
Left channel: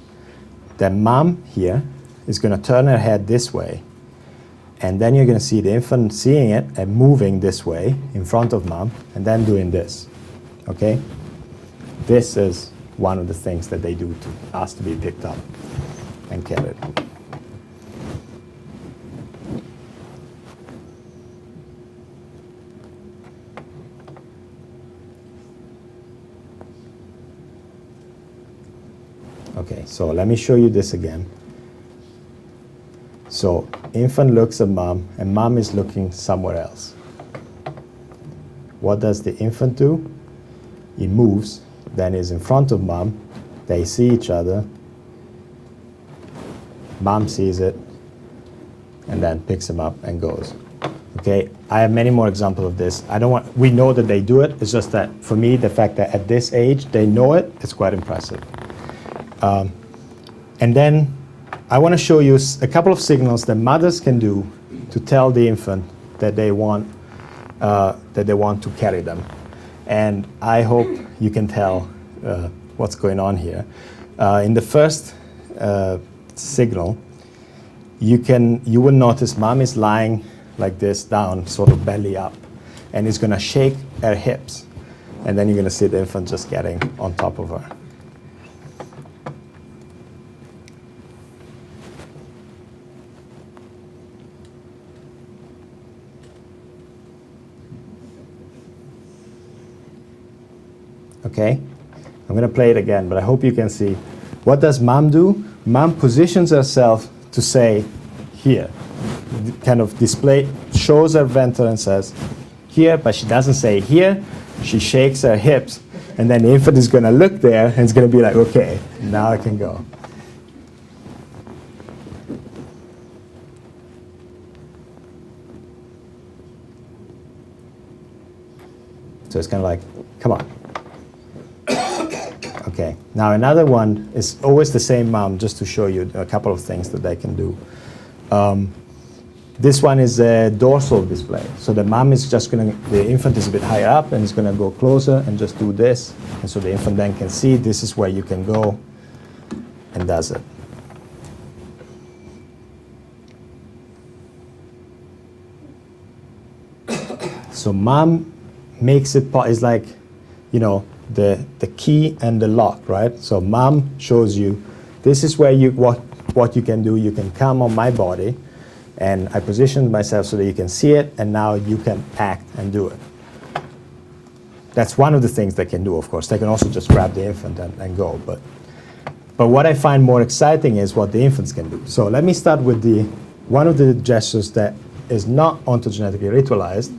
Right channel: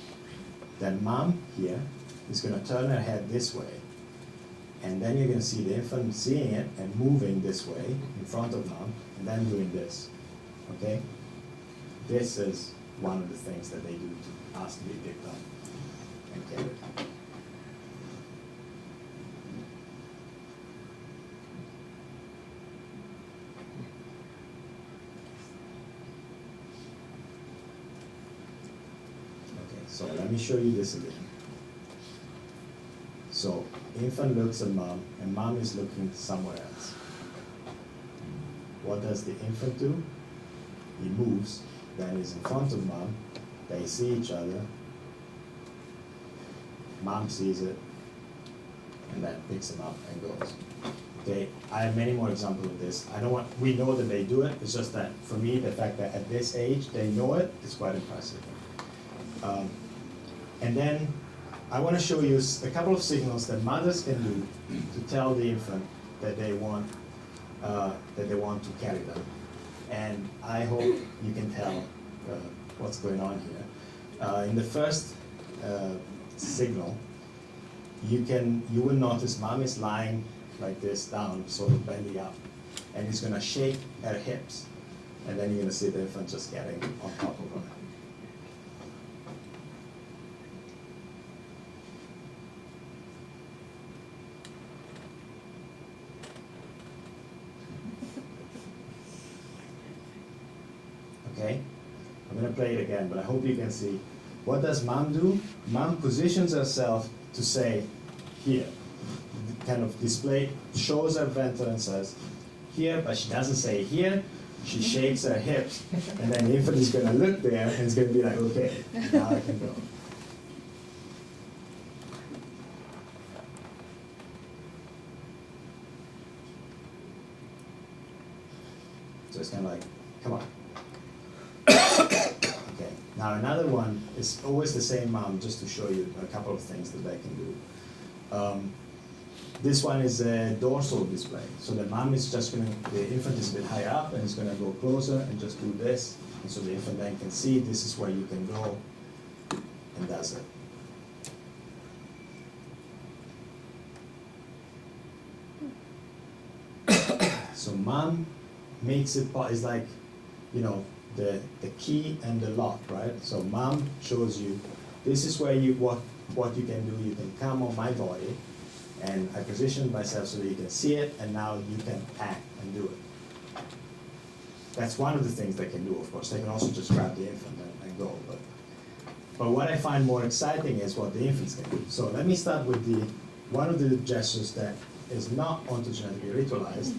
that mom here is going to turn her head this way, and then you're going to see the infant seeing it and moving this way in front of mom, and then doing this, okay? This is one of the things that they do to ask to be picked up and carried. Okay, so let me show you this again. So infant looks at mom, and mom is looking somewhere else. What does the infant do? He moves, then is in front of mom. They see each other. Mom sees it, and then picks him up and goes. Okay, I have many more examples of this. We know that they do it. It's just that for me, the fact that at this age they know it is quite impressive. And then I want to show you a couple of signals that mothers can do to tell the infant that they want to carry them. And I hope you can tell what's going on here. In the first signal, you will notice mom is lying like this down, sort of belly up, and is going to shake her hips. And then you're going to see the infant just getting on top of her. Okay, I'm going to play it again, but I hope you can see. What does mom do? Mom positions herself to say, here. Kind of shows her ventral and says, here, but she doesn't say here. She shakes her hips, and then the infant is going to look there, and it's going to be like, okay, now I can go. So it's kind of like, come on. Okay, now another one is always the same mom, just to show you a couple of things that they can do. This one is a dorsal display. So the mom is just the infant is a bit higher up and is going to go closer and just do this. And so the infant then can see this is where you can go, and does it. So mom makes it, it's like the key and the lock, right? So mom shows you, this is where what you can do. You can come on my body, and I position myself so that you can see it, and now you can act and do it. That's one of the things they can do, of course. They can also just grab the infant and go. But what I find more exciting is what the infants can do. So let me start with one of the gestures that is not ontogenetically ritualized,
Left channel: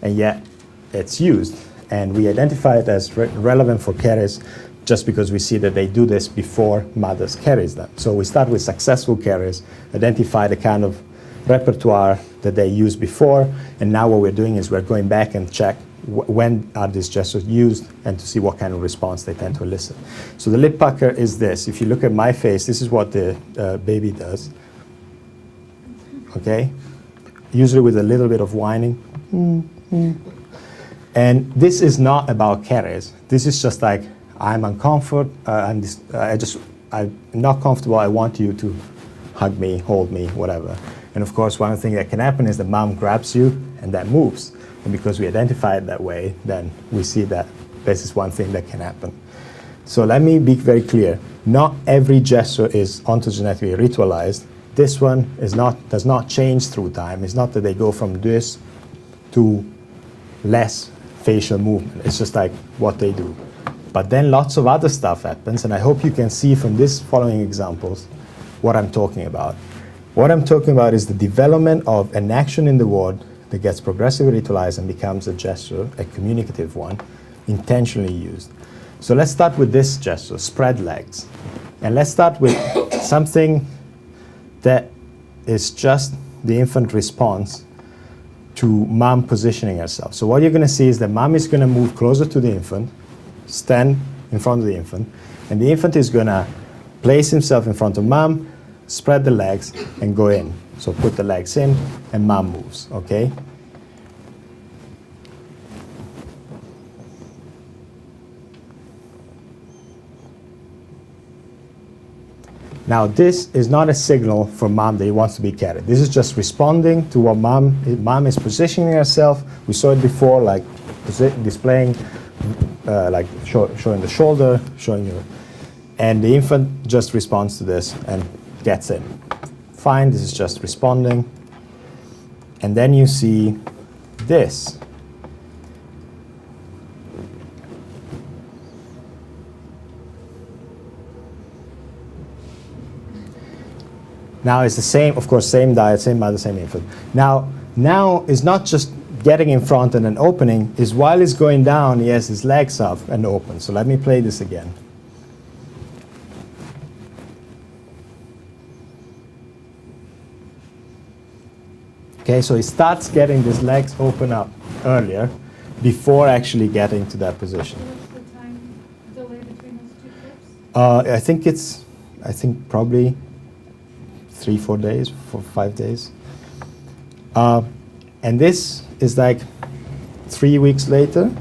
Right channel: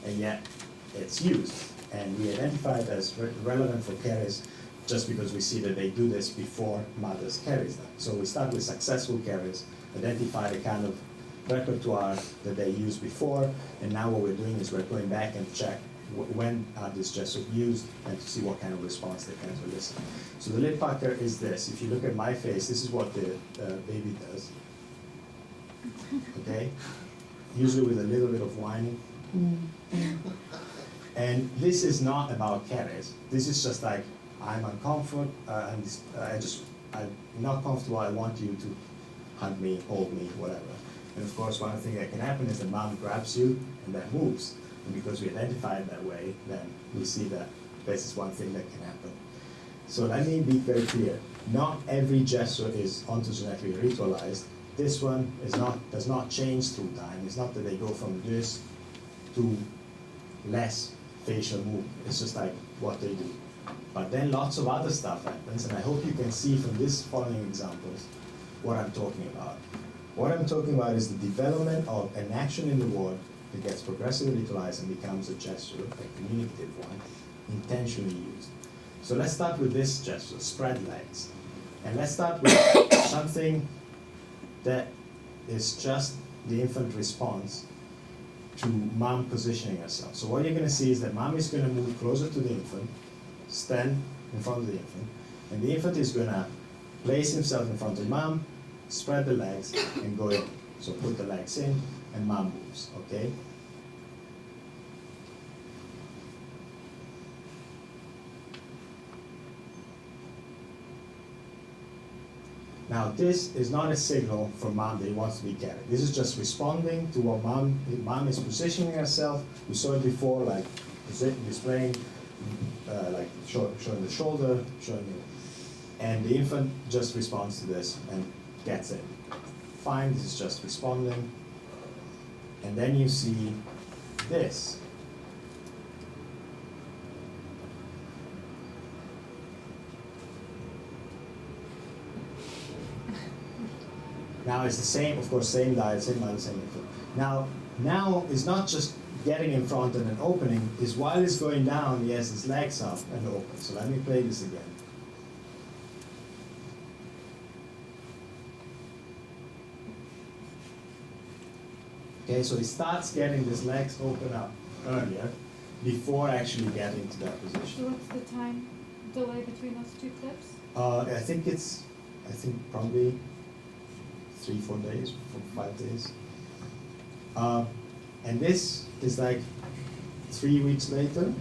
and yet it's used. And we identify it as relevant for carriers just because we see that they do this before mothers carries them. So we start with successful carriers, identify the kind of repertoire that they used before, and now what we're doing is we're going back and check when are these gestures used and to see what kind of response they tend to elicit. So the lip pucker is this. If you look at my face, this is what the baby does. Okay? Usually with a little bit of whining. And this is not about carriers. This is just like, I'm uncomfortable, I'm not comfortable, I want you to hug me, hold me, whatever. And of course, one of the things that can happen is the mom grabs you and that moves. And because we identify it that way, then we see that this is one thing that can happen. So let me be very clear. Not every gesture is ontogenetically ritualized. This one does not change through time. It's not that they go from this to less facial movement. It's just like what they do. But then lots of other stuff happens, and I hope you can see from these following examples what I'm talking about. What I'm talking about is the development of an action in the word that gets progressively ritualized and becomes a gesture, a communicative one, intentionally used. So let's start with this gesture, spread legs. And let's start with something that is just the infant response to mom positioning herself. So what you're going to see is that mom is going to move closer to the infant, stand in front of the infant, and the infant is going to place himself in front of mom, spread the legs, and go in. So put the legs in, and mom moves, okay? Now this is not a signal for mom that he wants to be carried. This is just responding to what mom is positioning herself. We saw it before, like displaying, like showing the shoulder, showing you, and the infant just responds to this and gets in. Fine, this is just responding. And then you see this. Now it's the same, of course, same diet, same mother, same infant. Now it's not just getting in front and then opening, is while it's going down, he has his legs up and open. So let me play this again. Okay, so he starts getting his legs open up earlier before actually getting to that position. So what's the time delay between those two clips? I think probably 3-4 days, 4-5 days. And this is like 3 weeks later.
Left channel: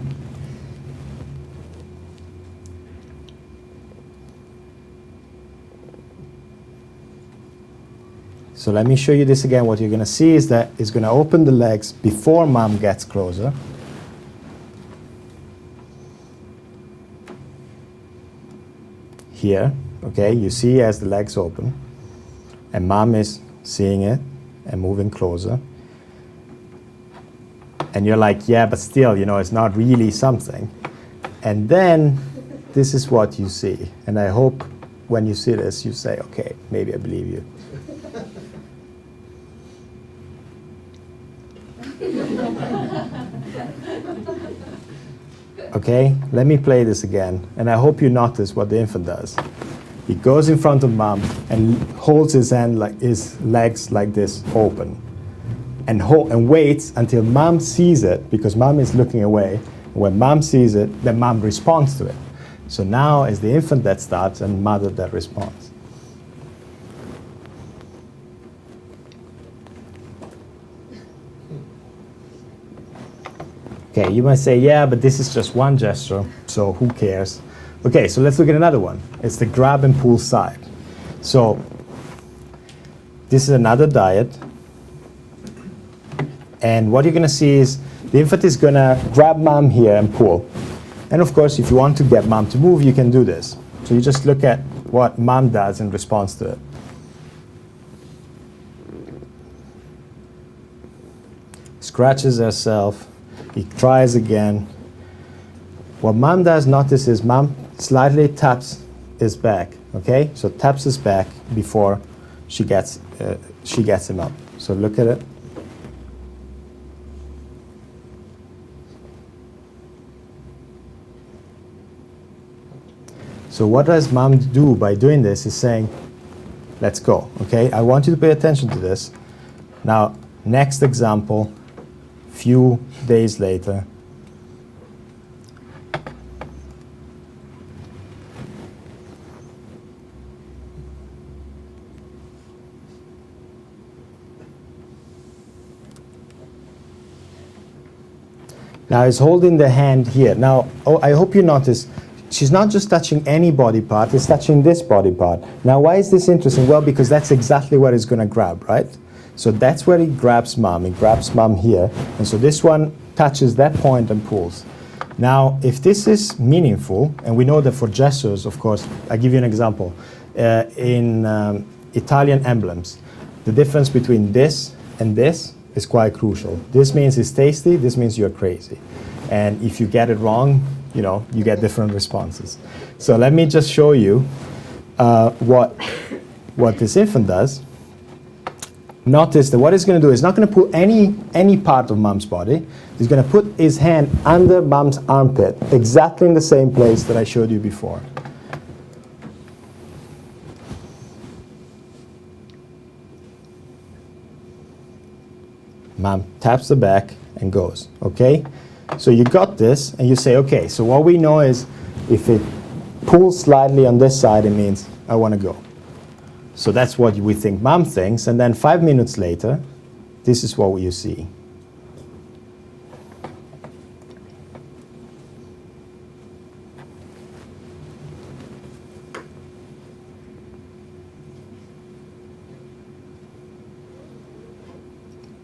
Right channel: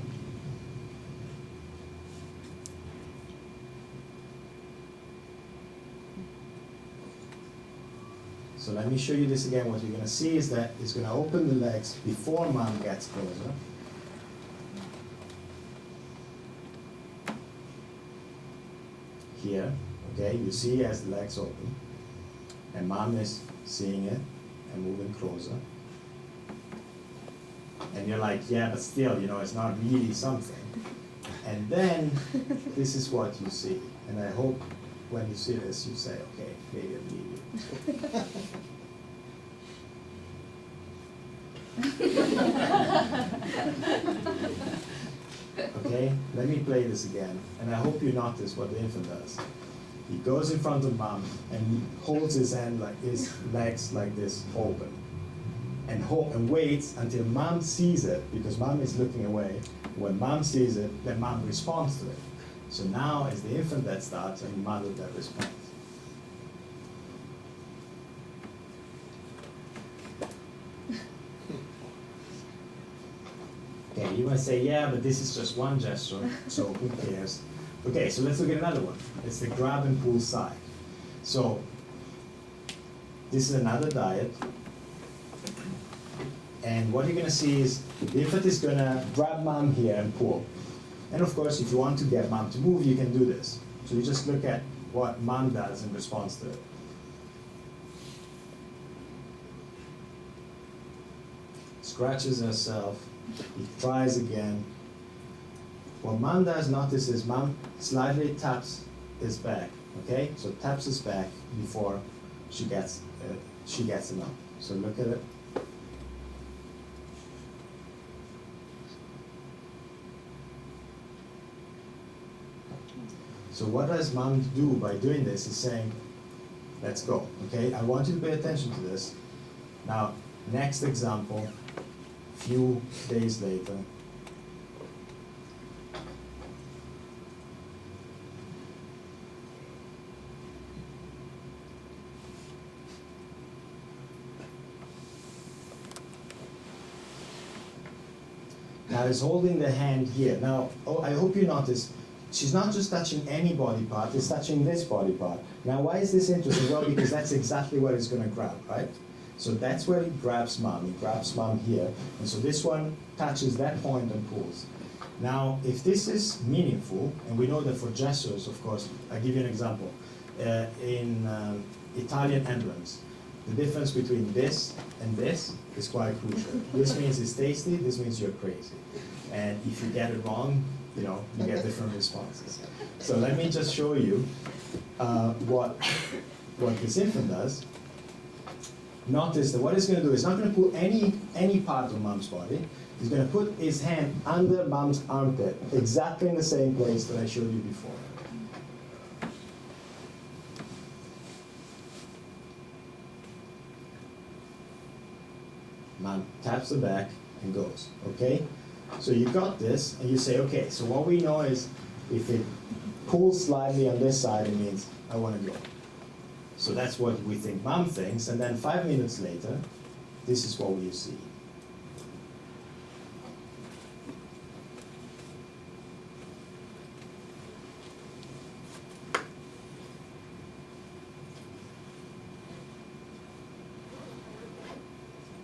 So let me show you this again. What you're going to see is that it's going to open the legs before mom gets closer. Here, okay, you see as the legs open, and mom is seeing it and moving closer. And you're like, yeah, but still, it's not really something. And then this is what you see. And I hope when you see this, you say, okay, maybe I believe you. Okay, let me play this again. And I hope you notice what the infant does. He goes in front of mom and holds his legs like this open. And waits until mom sees it, because mom is looking away. When mom sees it, then mom responds to it. So now it's the infant that starts and mother that responds. Okay, you might say, yeah, but this is just one gesture, so who cares? Okay, so let's look at another one. It's the grab and pull side. So this is another diet. And what you're going to see is the infant is going to grab mom here and pull. And of course, if you want to get mom to move, you can do this. So you just look at what mom does in response to it. Scratches herself, he tries again. What mom does, notice, is mom slightly taps his back, okay? So taps his back before she gets him up. So look at it. So what does mom do by doing this is saying, let's go, okay? I want you to pay attention to this. Now, next example, few days later. Now he's holding the hand here. Now, I hope you notice, she's not just touching any body part, it's touching this body part. Now, why is this interesting? Well, because that's exactly what he's going to grab, right? So that's where he grabs mom. He grabs mom here. And so this one touches that point and pulls. Now, if this is meaningful, and we know that for gestures, of course, I'll give you an example. In Italian emblems, the difference between this and this is quite crucial. This means it's tasty, this means you're crazy. And if you get it wrong, you know, you get different responses. So let me just show you what this infant does. Notice that what he's going to do is not going to put any part of mom's body. He's going to put his hand under mom's armpit, exactly in the same place that I showed you before. Mom taps the back and goes, okay? So you got this, and you say, okay, so what we know is if it pulls slightly on this side, it means I want to go. So that's what we think mom thinks, and then 5 minutes later, this is what you see.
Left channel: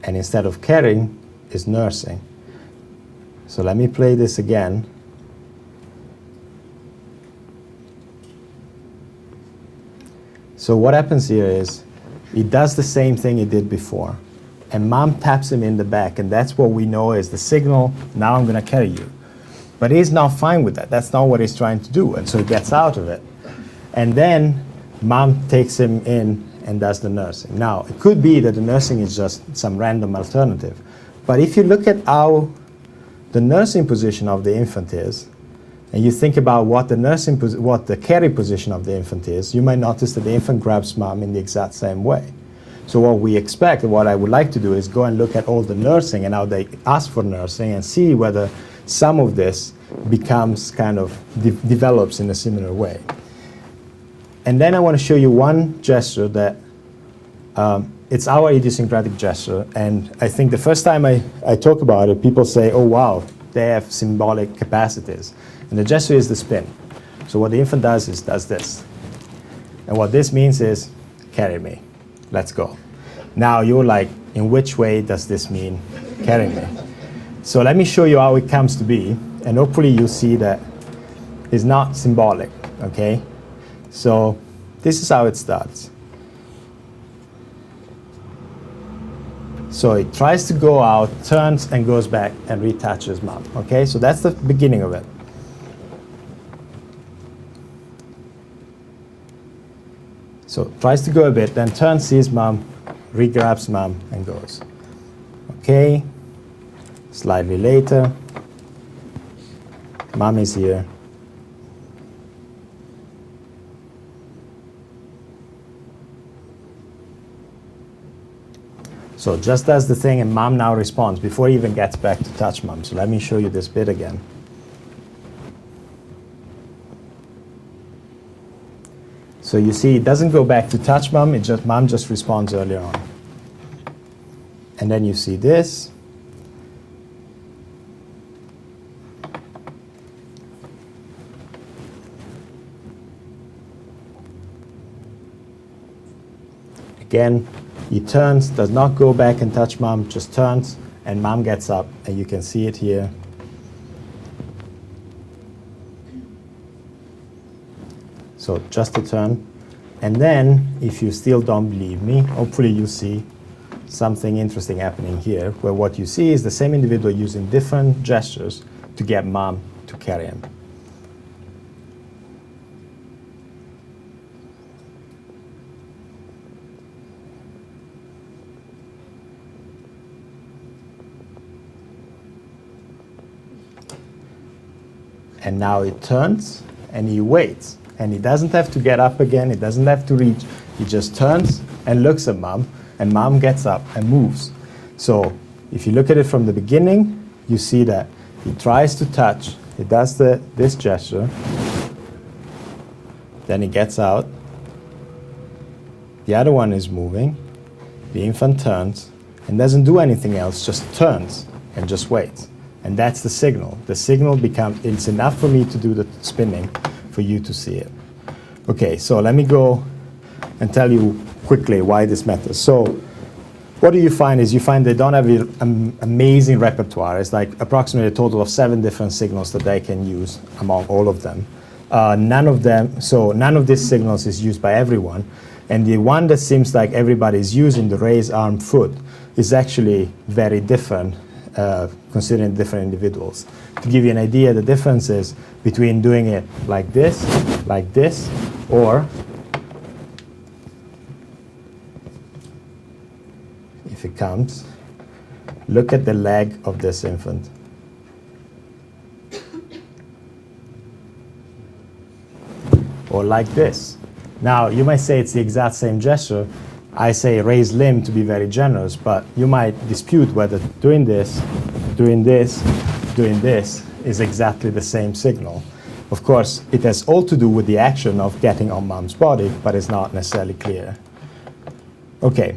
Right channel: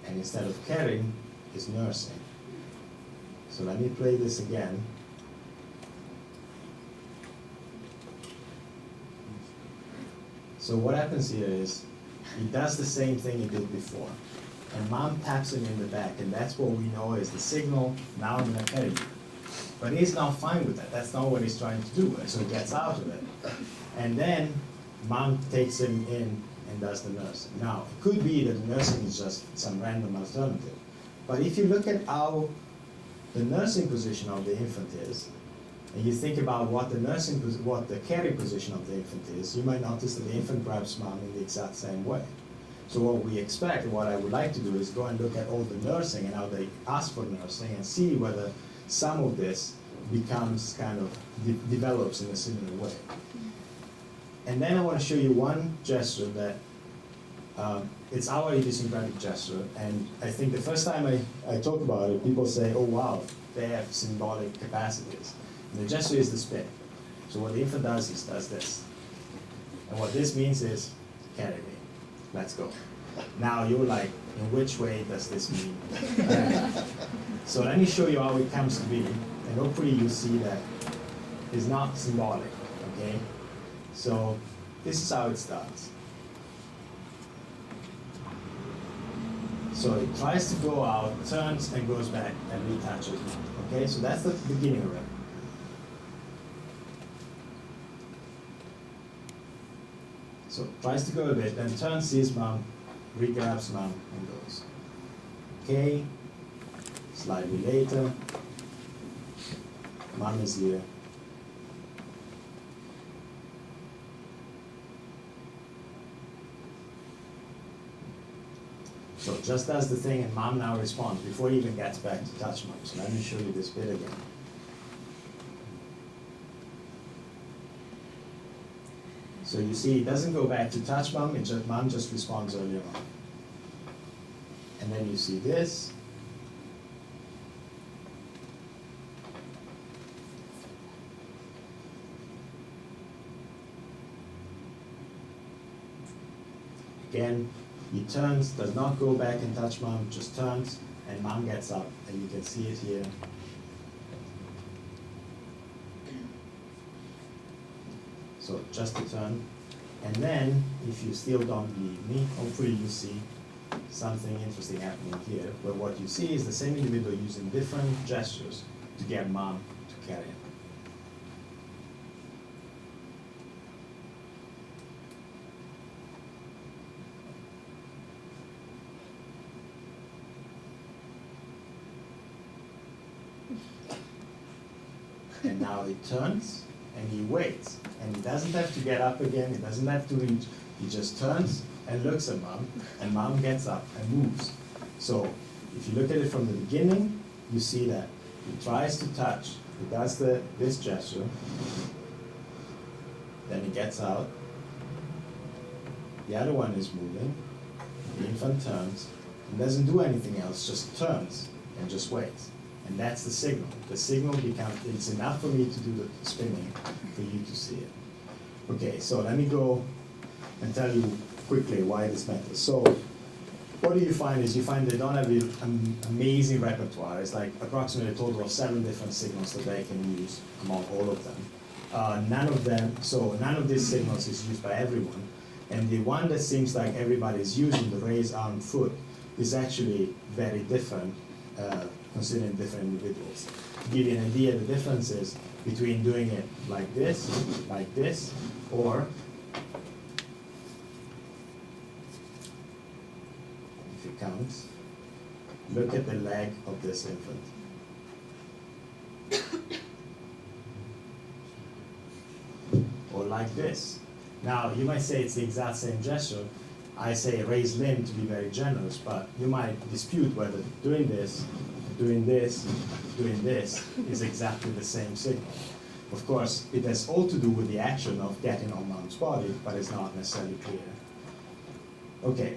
And instead of carrying, is nursing. So let me play this again. So what happens here is, he does the same thing he did before. And mom taps him in the back, and that's what we know is the signal, now I'm going to carry you. But he's not fine with that. That's not what he's trying to do, and so he gets out of it. And then mom takes him in and does the nursing. Now, it could be that the nursing is just some random alternative. But if you look at how the nursing position of the infant is, and you think about what the carry position of the infant is, you might notice that the infant grabs mom in the exact same way. So what we expect, and what I would like to do, is go and look at all the nursing and how they ask for nursing and see whether some of this becomes kind of develops in a similar way. And then I want to show you one gesture that it's our idiosyncratic gesture, and I think the first time I talk about it, people say, oh wow, they have symbolic capacities. And the gesture is the spin. So what the infant does is does this. And what this means is, carry me, let's go. Now you're like, in which way does this mean carry me? So let me show you how it comes to be, and hopefully you see that it's not symbolic, okay? So this is how it starts. So it tries to go out, turns and goes back and reattaches mom, okay? So that's the beginning of it. So tries to go a bit, then turns, sees mom, re-grabs mom and goes. Okay, slightly later, mom is here. So just does the thing, and mom now responds before he even gets back to touch mom. So let me show you this bit again. So you see, it doesn't go back to touch mom, mom just responds earlier on. And then you see this. Again, he turns, does not go back and touch mom, just turns, and mom gets up, and you can see it here. So just a turn. And then, if you still don't believe me, hopefully you see something interesting happening here, where what you see is the same individual using different gestures to get mom to carry him. And now it turns, and he waits. And he doesn't have to get up again, he doesn't have to reach. He just turns and looks at mom, and mom gets up and moves. So if you look at it from the beginning, you see that he tries to touch, he does this gesture, then he gets out. The other one is moving, the infant turns, and doesn't do anything else, just turns and just waits. And that's the signal. The signal it's enough for me to do the spinning for you to see it. Okay, so let me go and tell you quickly why this matters. So what do you find is you find they don't have an amazing repertoire. It's like approximately a total of 7 different signals that they can use among all of them. None of these signals is used by everyone. And the one that seems like everybody's using, the raised arm foot, is actually very different considering different individuals. To give you an idea, the difference is between doing it like this, or if it comes, look at the leg of this infant. Or like this. Now, you might say it's the exact same gesture. I say raise limb to be very generous, but you might dispute whether doing this is exactly the same signal. Of course, it has all to do with the action of getting on mom's body, but it's not necessarily clear. Okay,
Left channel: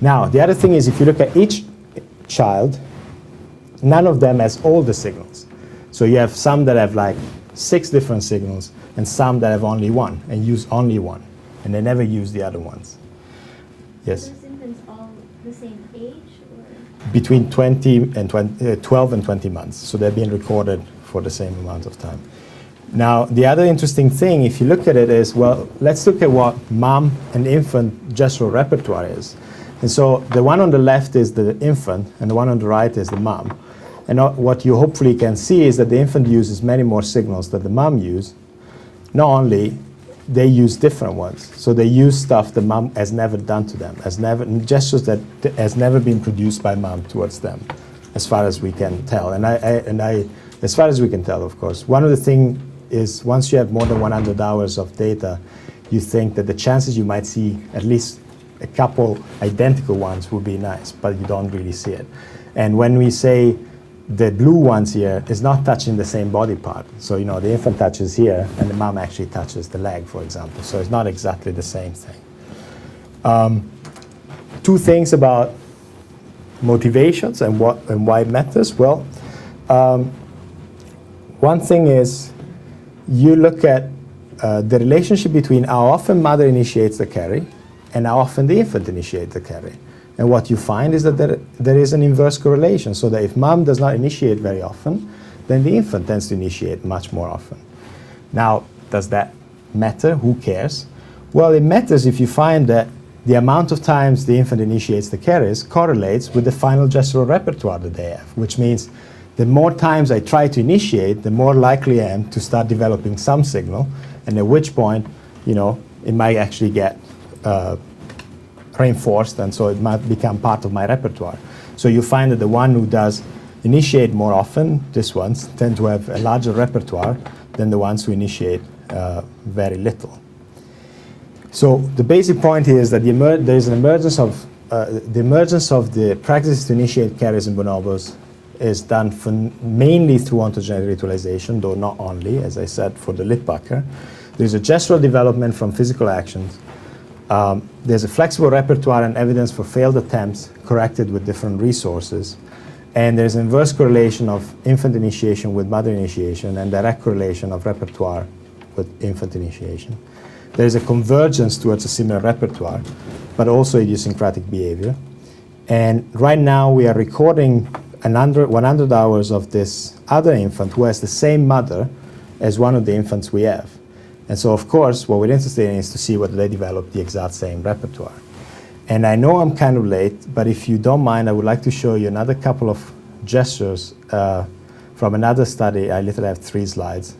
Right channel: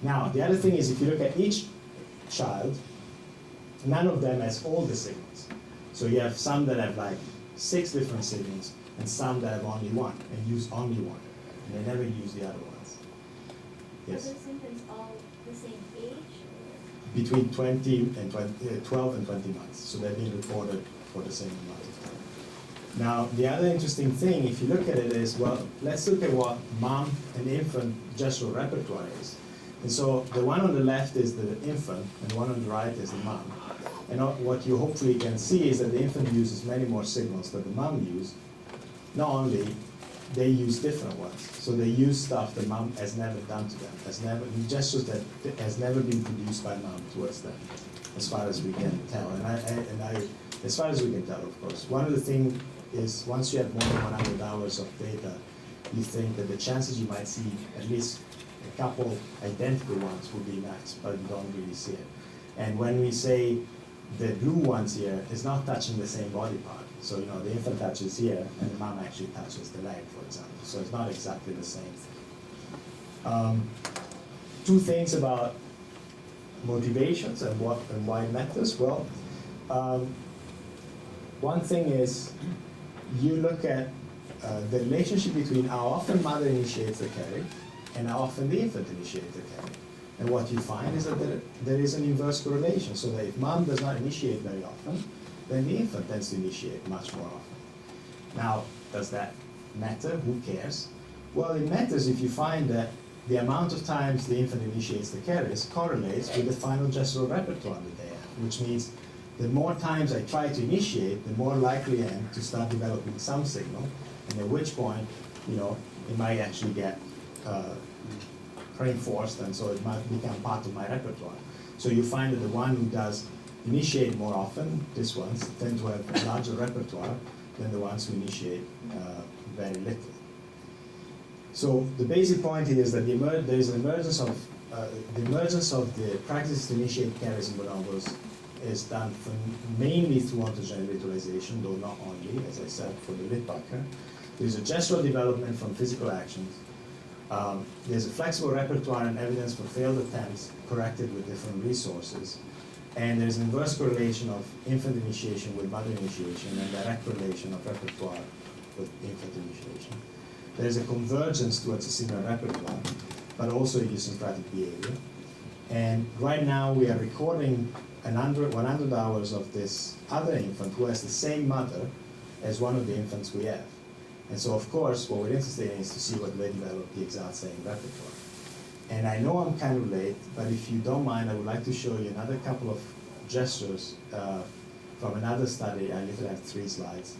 now the other thing is if you look at each child, none of them has all the signals. So you have some that have like 6 different signals and some that have only one and use only one, and they never use the other ones. Yes? Are those infants all the same age? Or? Between 12 and 20 months. So they're being recorded for the same amount of time. Now, the other interesting thing, if you look at it, is, well, let's look at what mom and infant gestural repertoire is. And so the one on the left is the infant, and the one on the right is the mom. And what you hopefully can see is that the infant uses many more signals that the mom uses. Not only, they use different ones. So they use stuff that mom has never done to them, gestures that has never been produced by mom towards them, as far as we can tell. And as far as we can tell, of course. One of the things is once you have more than 100 hours of data, you think that the chances you might see at least a couple identical ones would be nice, but you don't really see it. And when we say the blue ones here is not touching the same body part. So, the infant touches here, and the mom actually touches the leg, for example. So it's not exactly the same thing. 2 things about motivations and why it matters. Well, one thing is you look at the relationship between how often mother initiates the carry and how often the infant initiates the carry. And what you find is that there is an inverse correlation, so that if mom does not initiate very often, then the infant tends to initiate much more often. Now, does that matter? Who cares? Well, it matters if you find that the amount of times the infant initiates the carries correlates with the final gestural repertoire that they have, which means the more times I try to initiate, the more likely I am to start developing some signal, and at which point, it might actually get reinforced, and so it might become part of my repertoire. So you find that the one who does initiate more often, these ones, tend to have a larger repertoire than the ones who initiate very little. So the basic point here is that there is an emergence of the practice to initiate carries in bonobos is done mainly through ontogenetic ritualization, though not only, as I said, for the lip pucker. There's a gestural development from physical actions. There's a flexible repertoire and evidence for failed attempts corrected with different resources. And there's an inverse correlation of infant initiation with mother initiation and direct correlation of repertoire with infant initiation. There's a convergence towards a similar repertoire, but also idiosyncratic behavior. And right now we are recording 100 hours of this other infant who has the same mother as one of the infants we have. And so, of course, what we're interested in is to see whether they develop the exact same repertoire. And I know I'm kind of late, but if you don't mind, I would like to show you another couple of gestures from another study. I literally have 3 slides,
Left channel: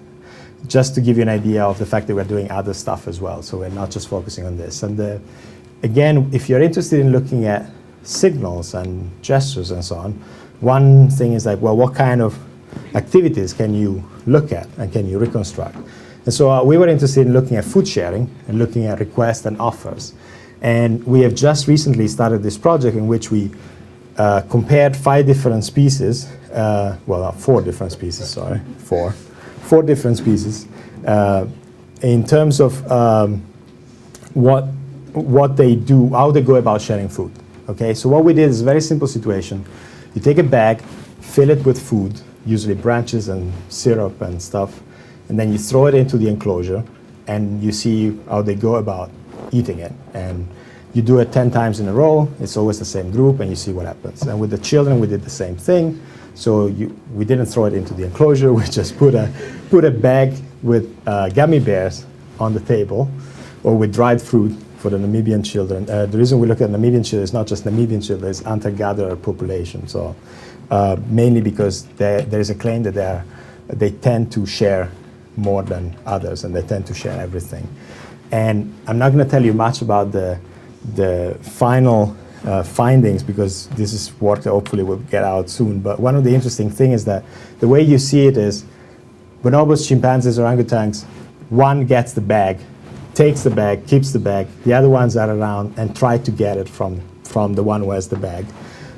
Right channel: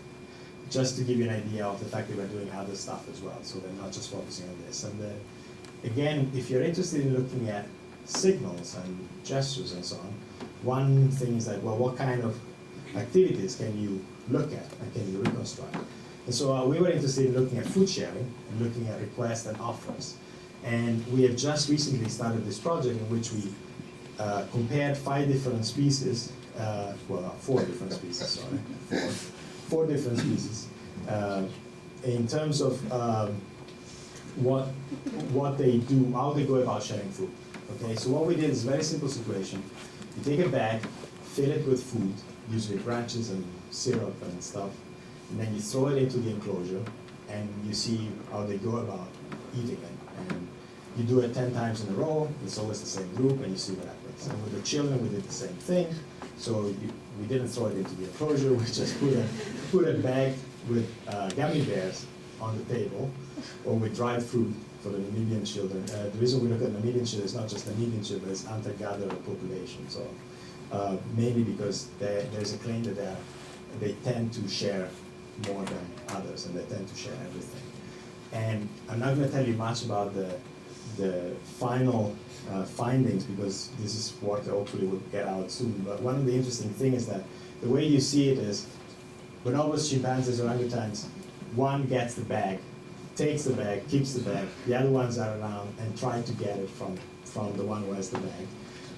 just to give you an idea of the fact that we're doing other stuff as well. So we're not just focusing on this. And again, if you're interested in looking at signals and gestures and so on, one thing is like, well, what kind of activities can you look at and can you reconstruct? And so we were interested in looking at food sharing and looking at requests and offers. And we have just recently started this project in which we compared 5 different species, well, 4 different species, sorry, 4 different species, in terms of what they do, how they go about sharing food. Okay, so what we did is a very simple situation. You take a bag, fill it with food, usually branches and syrup and stuff, and then you throw it into the enclosure, and you see how they go about eating it. And you do it 10 times in a row. It's always the same group, and you see what happens. And with the children, we did the same thing. So we didn't throw it into the enclosure. We just put a bag with gummy bears on the table, or with dried fruit for the Namibian children. The reason we look at Namibian children is not just Namibian children, it's hunter-gatherer population. So mainly because there is a claim that they tend to share more than others, and they tend to share everything. And I'm not going to tell you much about the final findings, because this is work that hopefully will get out soon. But one of the interesting things is that the way you see it is bonobos, chimpanzees, orangutans, one gets the bag, takes the bag, keeps the bag. The other ones are around and try to get it from the one who has the bag.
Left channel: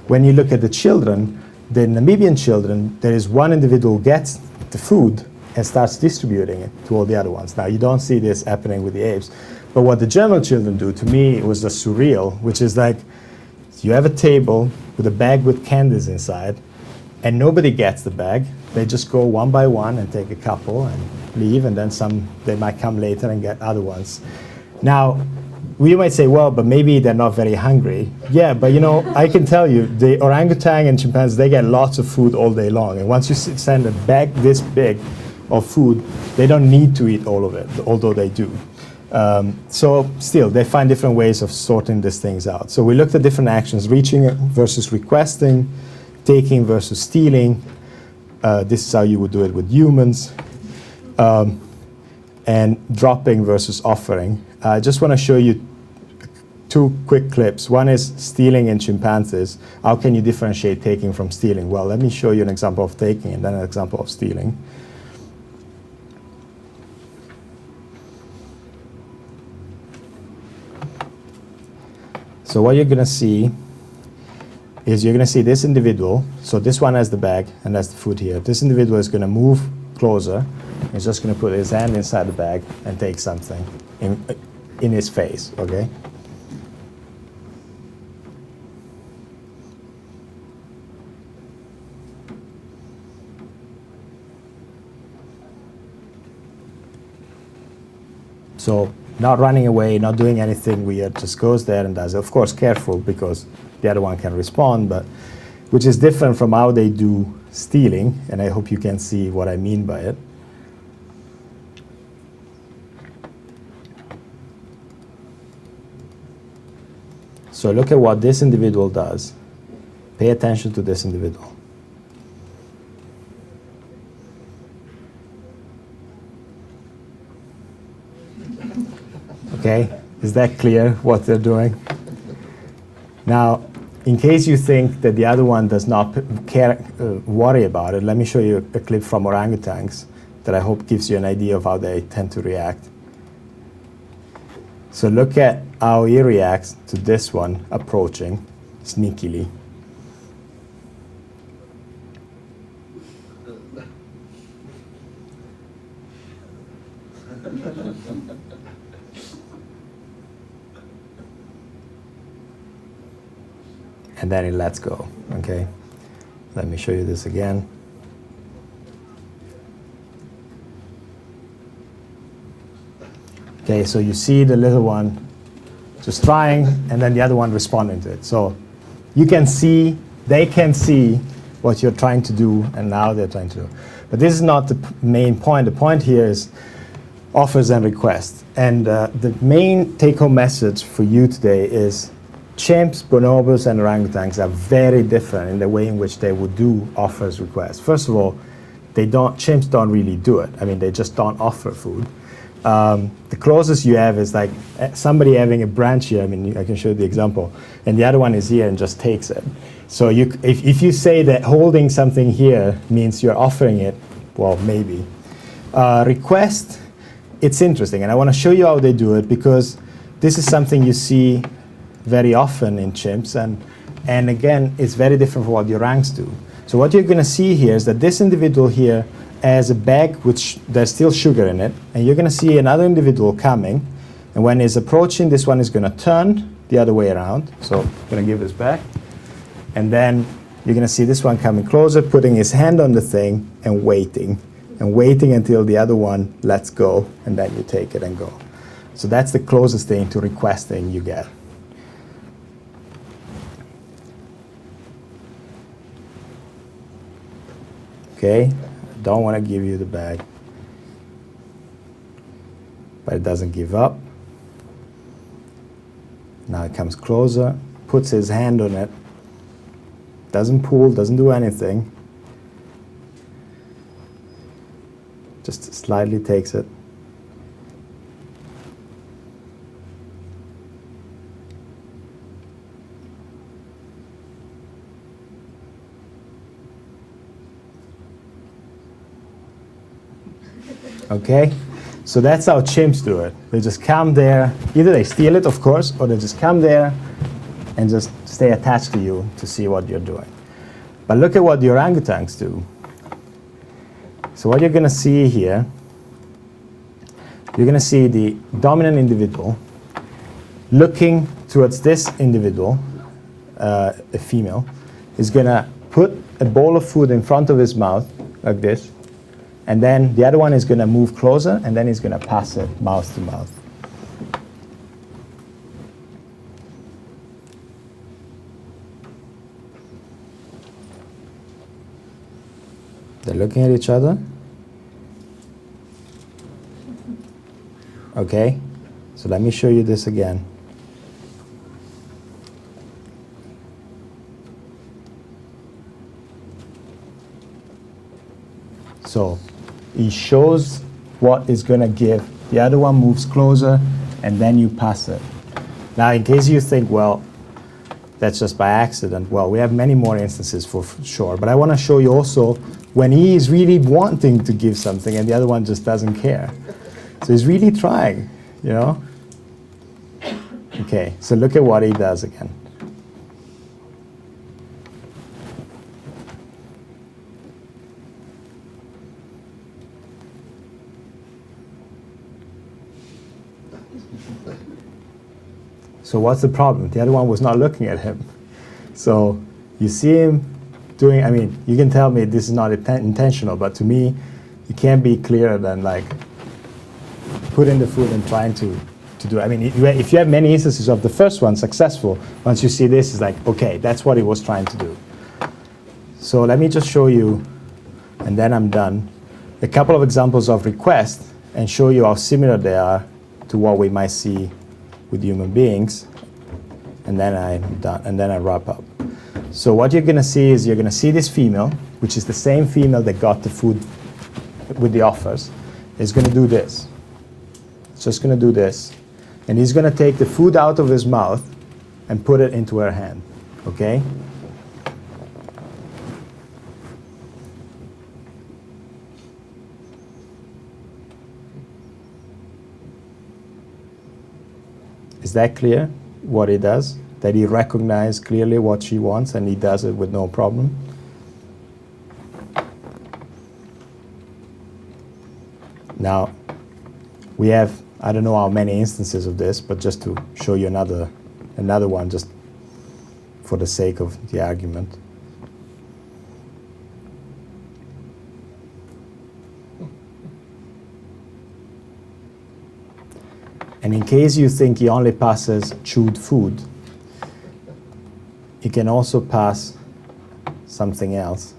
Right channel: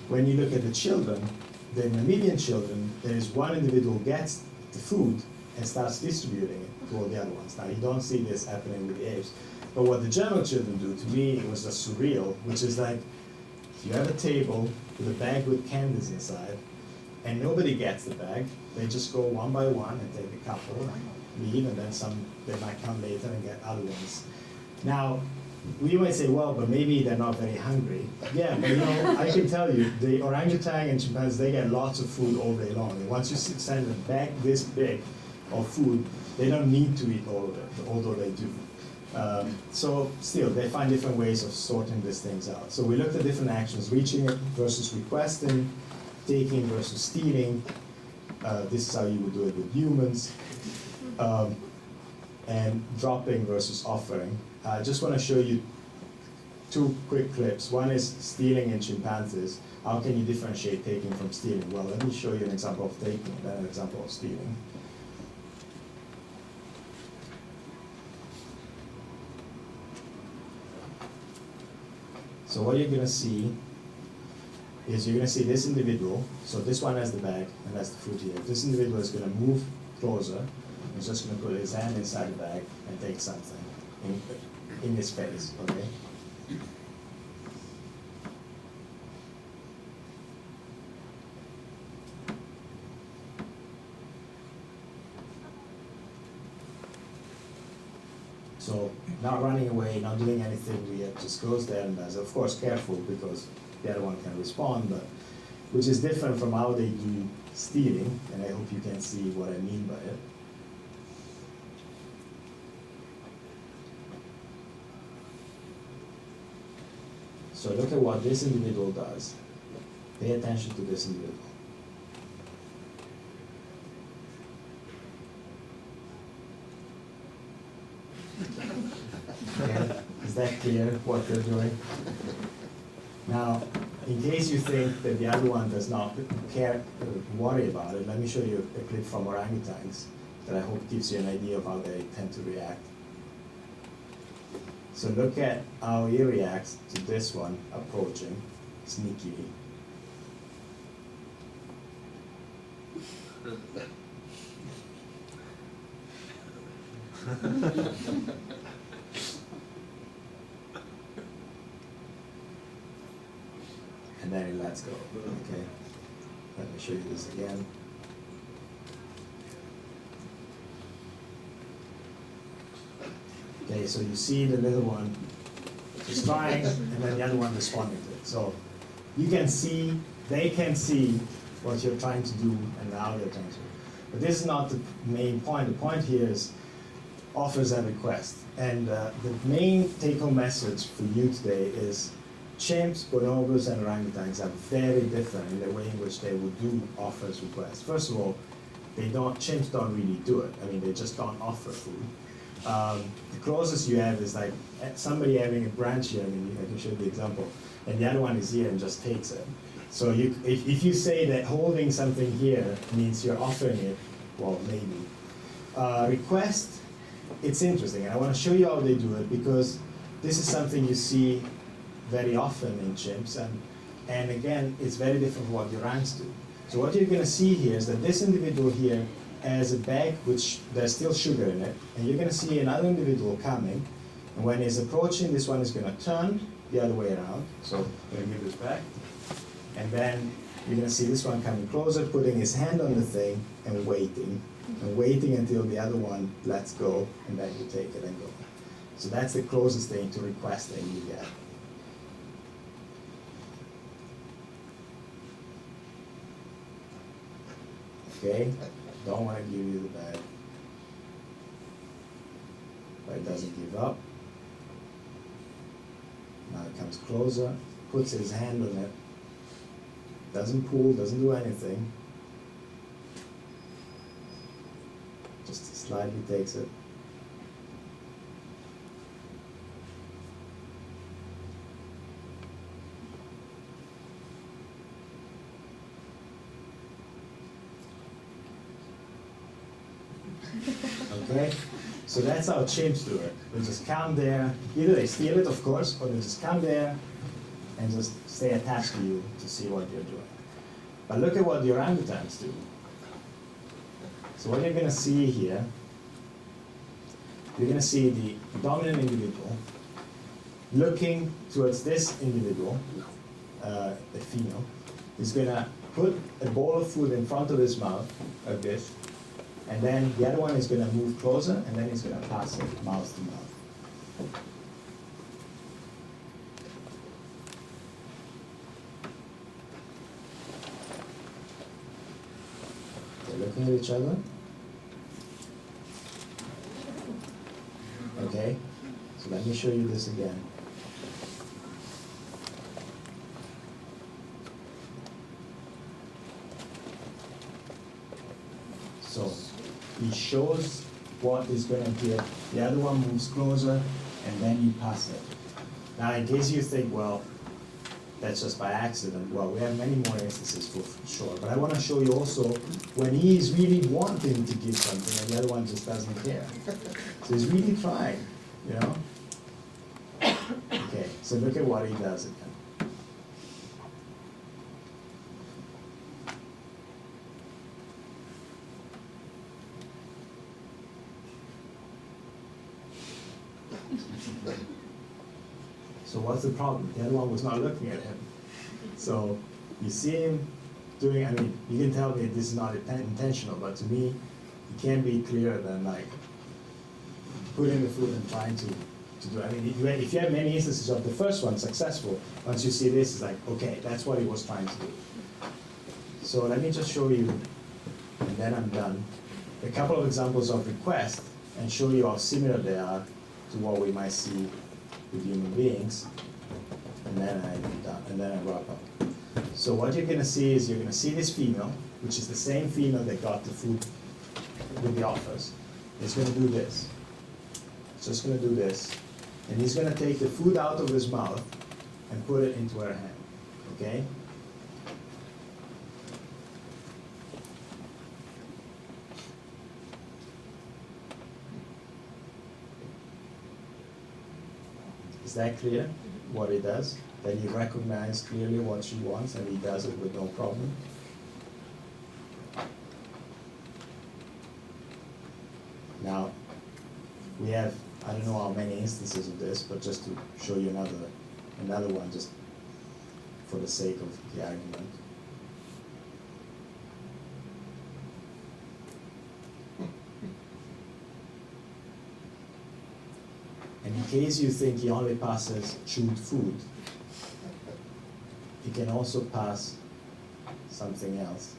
When you look at the children, the Namibian children, there is one individual who gets the food and starts distributing it to all the other ones. Now, you don't see this happening with the apes. But what the German children do, to me, it was just surreal, which is like, you have a table with a bag with candies inside, and nobody gets the bag. They just go one by one and take a couple and leave, and then they might come later and get other ones. Now, we might say, well, but maybe they're not very hungry. Yeah, but I can tell you, the orangutan and chimpanzees, they get lots of food all day long. And once you send a bag this big of food, they don't need to eat all of it, although they do. So still, they find different ways of sorting these things out. So we looked at different actions: reaching versus requesting, taking versus stealing. This is how you would do it with humans. And dropping versus offering. I just want to show you 2 quick clips. One is stealing in chimpanzees. How can you differentiate taking from stealing? Well, let me show you an example of taking and then an example of stealing. So what you're going to see is you're going to see this individual. So this one has the bag and has the food here. This individual is going to move closer. He's just going to put his hand inside the bag and take something in his face, okay? So not running away, not doing anything weird, just goes there and does it. Of course, careful, because the other one can respond, but which is different from how they do stealing, and I hope you can see what I mean by it. So look at what this individual does. Pay attention to this individual. Okay, is that clear what they're doing? Now, in case you think that the other one does not worry about it, let me show you a clip from orangutans that I hope gives you an idea of how they tend to react. So look at how he reacts to this one approaching sneakily. And then it lets go, okay? Let me show you this again. Okay, so you see the little one just trying, and then the other one responding to it. So you can see, they can see what you're trying to do, and now they're trying to do. But this is not the main point. The point here is, offers and requests. And the main take-home message for you today is chimps, bonobos, and orangutans are very different in the way in which they would do offers, requests. First of all, chimps don't really do it. I mean, they just don't offer food. The closest you have is like somebody having a branch here. I mean, I can show you the example. And the other one is here and just takes it. So if you say that holding something here means you're offering it, well, maybe. Request, it's interesting. And I want to show you how they do it because this is something you see very often in chimps. And again, it's very different from what the orangs do. So what you're going to see here is that this individual here has a bag which there's still sugar in it. And you're going to see another individual coming. And when he's approaching, this one is going to turn the other way around. So I'm going to give this back. And then you're going to see this one coming closer, putting his hand on the thing and waiting until the other one lets go, and then you take it and go. So that's the closest thing to requesting you get. Okay, don't want to give you the bag, but it doesn't give up. Now it comes closer, puts his hand on it, doesn't pull, doesn't do anything, just slightly takes it. Okay, so that's how chimps do it. They just come there, either they steal it, of course, or they just come there and just stay attached to you to see what you're doing. But look at what the orangutans do. So what you're going to see here, you're going to see the dominant individual looking towards this individual, a female, is going to put a bowl of food in front of his mouth, like this, and then the other one is going to move closer, and then he's going to pass it mouth to mouth. They're looking at each other. Okay, so let me show you this again. So he shows what is going to give. The other one moves closer, and then you pass it. Now, in case you think, well, that's just by accident. Well, we have many more instances for sure. But I want to show you also when he is really wanting to give something and the other one just doesn't care. So he's really trying, you know? Okay, so look at what he does again. So what's the problem? The other one was not looking at him. So you see him doing, I mean, you can tell me this is not intentional, but to me, it can't be clearer than like putting the food and trying to do. I mean, if you have many instances of the first one successful, once you see this, it's like, okay, that's what he was trying to do. So let me just show you, and then I'm done, a couple of examples of requests and show you how similar they are to what we might see with human beings, and then I'm done, and then I wrap up. So what you're going to see is you're going to see this female, which is the same female that got the food with the offers, is going to do this. It's just going to do this. And he's going to take the food out of his mouth and put it into her hand. Okay? Is that clear, what he does? That he recognizes clearly what she wants and he does it with no problem? Now, we have, I don't know how many instances of this, but just to show you another one, just for the sake of the argument. And in case you think he only passes chewed food, he can also pass something else.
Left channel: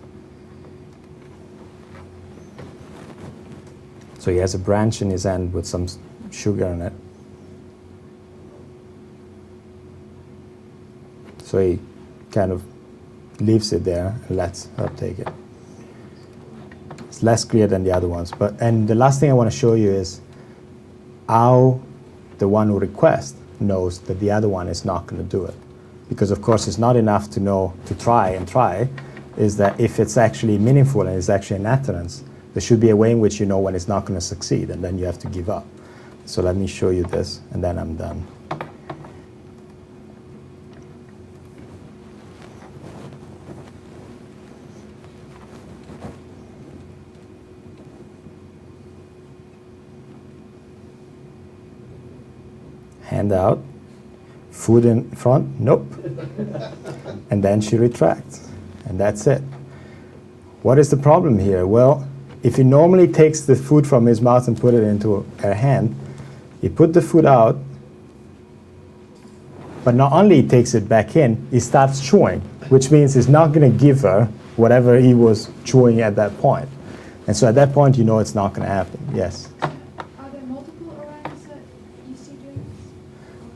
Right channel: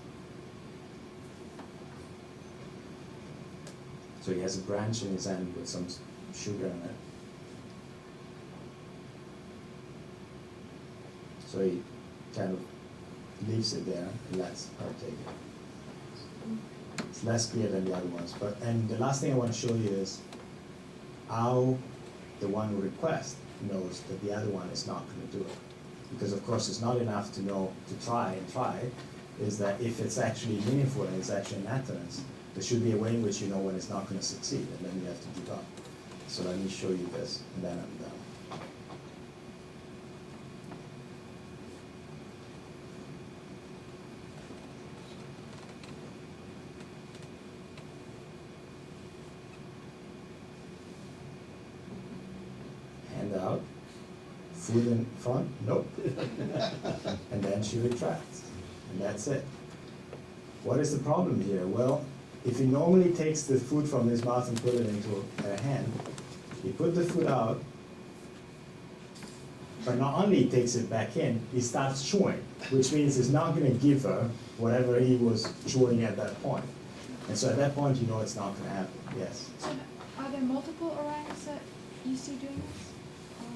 So So he has a branch in his hand with some sugar in it. So he kind of leaves it there and lets her take it. It's less clear than the other ones. And the last thing I want to show you is how the one who requests knows that the other one is not going to do it. Because of course it's not enough to know to try, is that if it's actually meaningful and it's actually an utterance, there should be a way in which you know when it's not going to succeed, and then you have to give up. So let me show you this, and then I'm done. Hand out, food in front, nope. And then she retracts, and that's it. What is the problem here? Well, if he normally takes the food from his mouth and put it into her hand, he put the food out, but not only he takes it back in, he starts chewing, which means he's not going to give her whatever he was chewing at that point. And so at that point, you know it's not going to happen. Yes? Are there multiple orangs that you see doing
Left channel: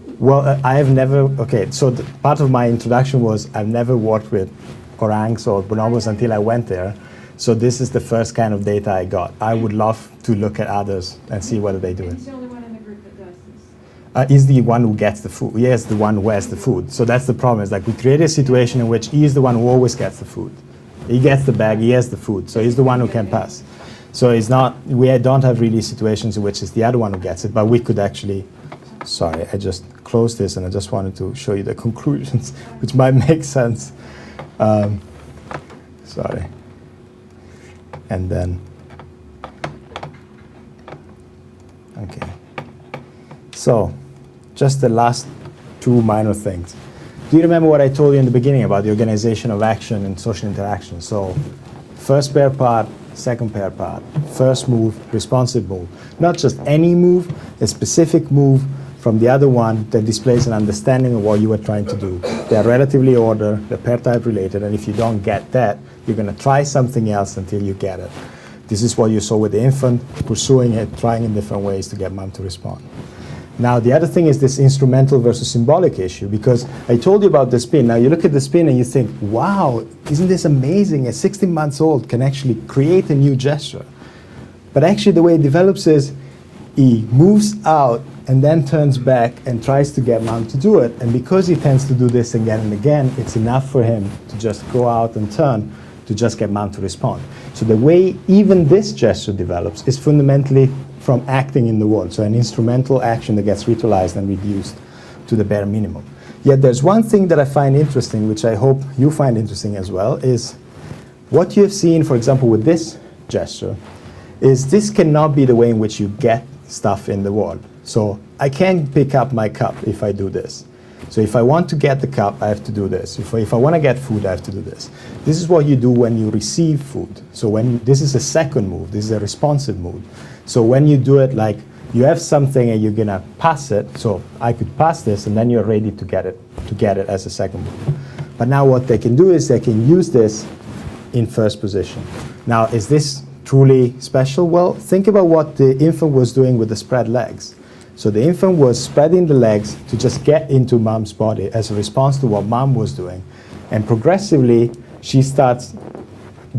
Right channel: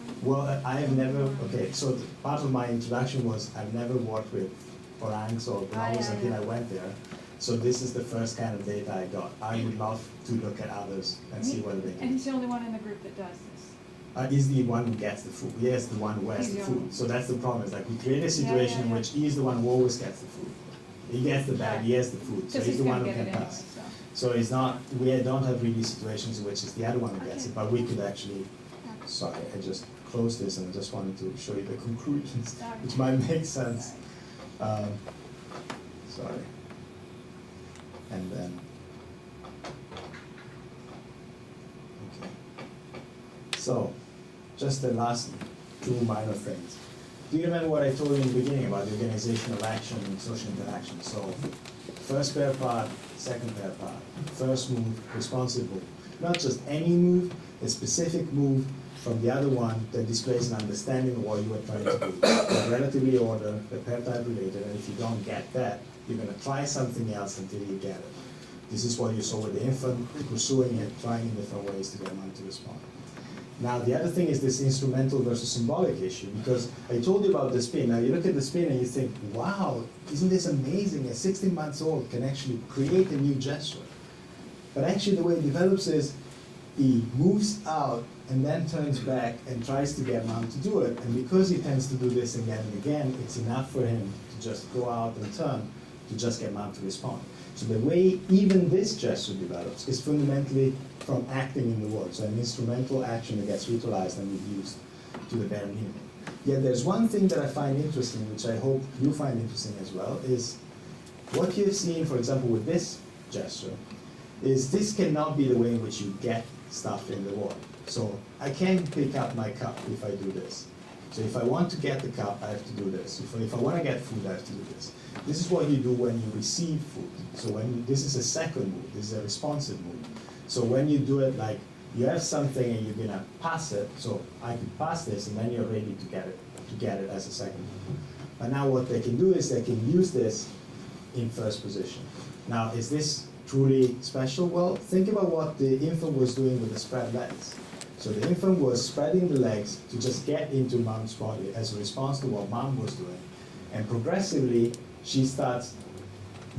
this? Well, I have never, okay, so part of my introduction was I've never worked with orangs or bonobos until I went there. So this is the first kind of data I got. I would love to look at others and see whether they do And it. he's the only one in the group that does this? He's the one who gets the food. Yes, the one who has the food. So that's the problem. Is like we create a situation in which he is the one who always gets the food. He gets the bag, he has the food. So he's the one who can pass. So it's not, we don't have really situations in which it's the other one who gets it, but we could actually, sorry, I just closed this and I just wanted to show you the conclusions, which might make sense. Sorry. And then, okay. So, just the last two minor things. Do you remember what I told you in the beginning about the organization of action and social interaction? So, first pair part, second pair part, first move, responsive move. Not just any move, a specific move from the other one that displays an understanding of what you were trying to do. They're relatively ordered, they're pair type related, and if you don't get that, you're going to try something else until you get it. This is what you saw with the infant, pursuing it, trying in different ways to get mom to respond. Now, the other thing is this instrumental versus symbolic issue, because I told you about the spin. Now, you look at the spin and you think, wow, isn't this amazing? A 16 months old can actually create a new gesture. But actually, the way it develops is he moves out and then turns back and tries to get mom to do it. And because he tends to do this again and again, it's enough for him to just go out and turn to just get mom to respond. So the way even this gesture develops is fundamentally from acting in the world. So an instrumental action that gets ritualized and reduced to the bare minimum. Yet there's one thing that I find interesting, which I hope you find interesting as well, is what you have seen, for example, with this gesture, is this cannot be the way in which you get stuff in the world. So I can't pick up my cup if I do this. So if I want to get the cup, I have to do this. If I want to get food, I have to do this. This is what you do when you receive food. So when this is a second move, this is a responsive move. So when you do it like you have something and you're gonna pass it, so I could pass this and then you're ready to get it as a second move. But now what they can do is they can use this in first position. Now, is this truly special? Well, think about what the infant was doing with the spread legs. So the infant was spreading the legs to just get into mom's body as a response to what mom was doing. And progressively, she starts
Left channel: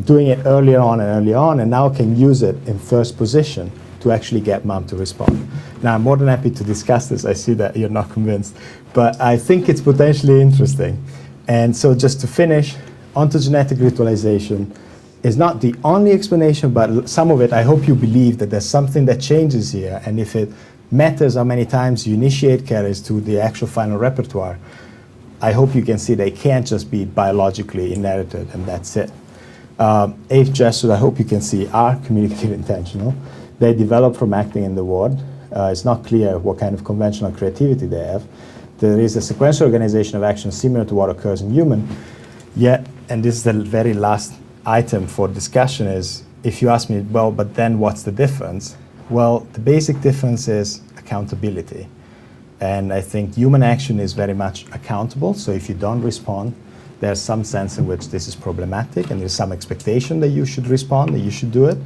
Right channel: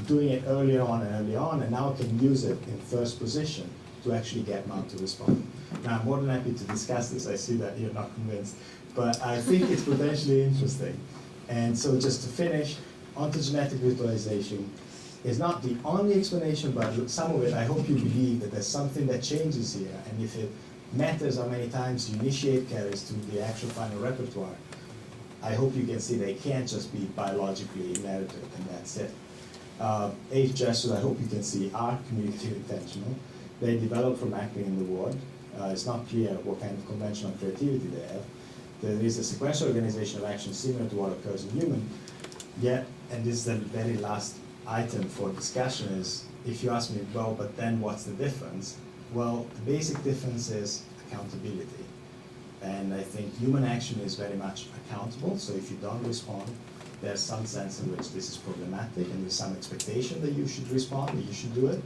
doing it earlier on, and now can use it in first position to actually get mom to respond. Now, I'm more than happy to discuss this. I see that you're not convinced. But I think it's potentially interesting. And so just to finish, ontogenetic ritualization is not the only explanation, but some of it, I hope you believe that there's something that changes here. And if it matters how many times you initiate carriers to the actual final repertoire, I hope you can see they can't just be biologically inherited and that's it. Ape gestures, I hope you can see, are communicative intentional. They develop from acting in the world. It's not clear what kind of conventional creativity they have. There is a sequential organization of action similar to what occurs in human. Yet, and this is the very last item for discussion, is if you ask me, well, but then what's the difference? Well, the basic difference is accountability. And I think human action is very much accountable. So if you don't respond, there's some sense in which this is problematic and there's some expectation that you should respond, that you should do it.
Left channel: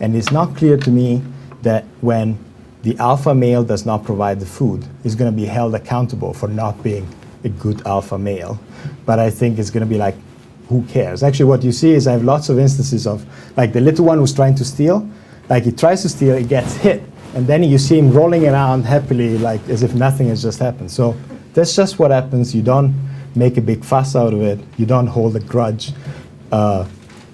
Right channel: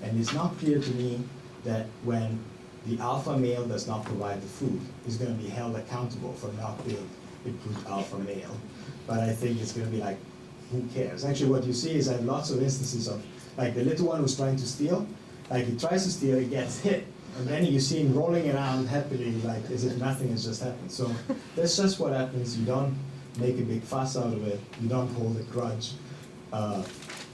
And it's not clear to me that when the alpha male does not provide the food, he's going to be held accountable for not being a good alpha male. But I think it's going to be like, who cares? Actually, what you see is I have lots of instances of, like the little one who's trying to steal, like he tries to steal, he gets hit, and then you see him rolling around happily, like as if nothing has just happened. So that's just what happens. You don't make a big fuss out of it. You don't hold a grudge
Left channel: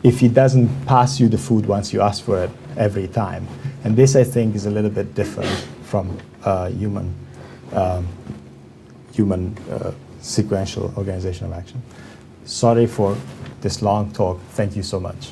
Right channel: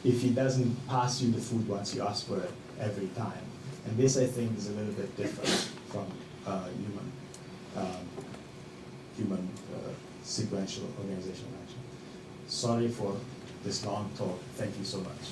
if he doesn't pass you the food once you ask for it every time. And this, I think, is a little bit different from human sequential organizational action. Sorry for this long talk. Thank you so much.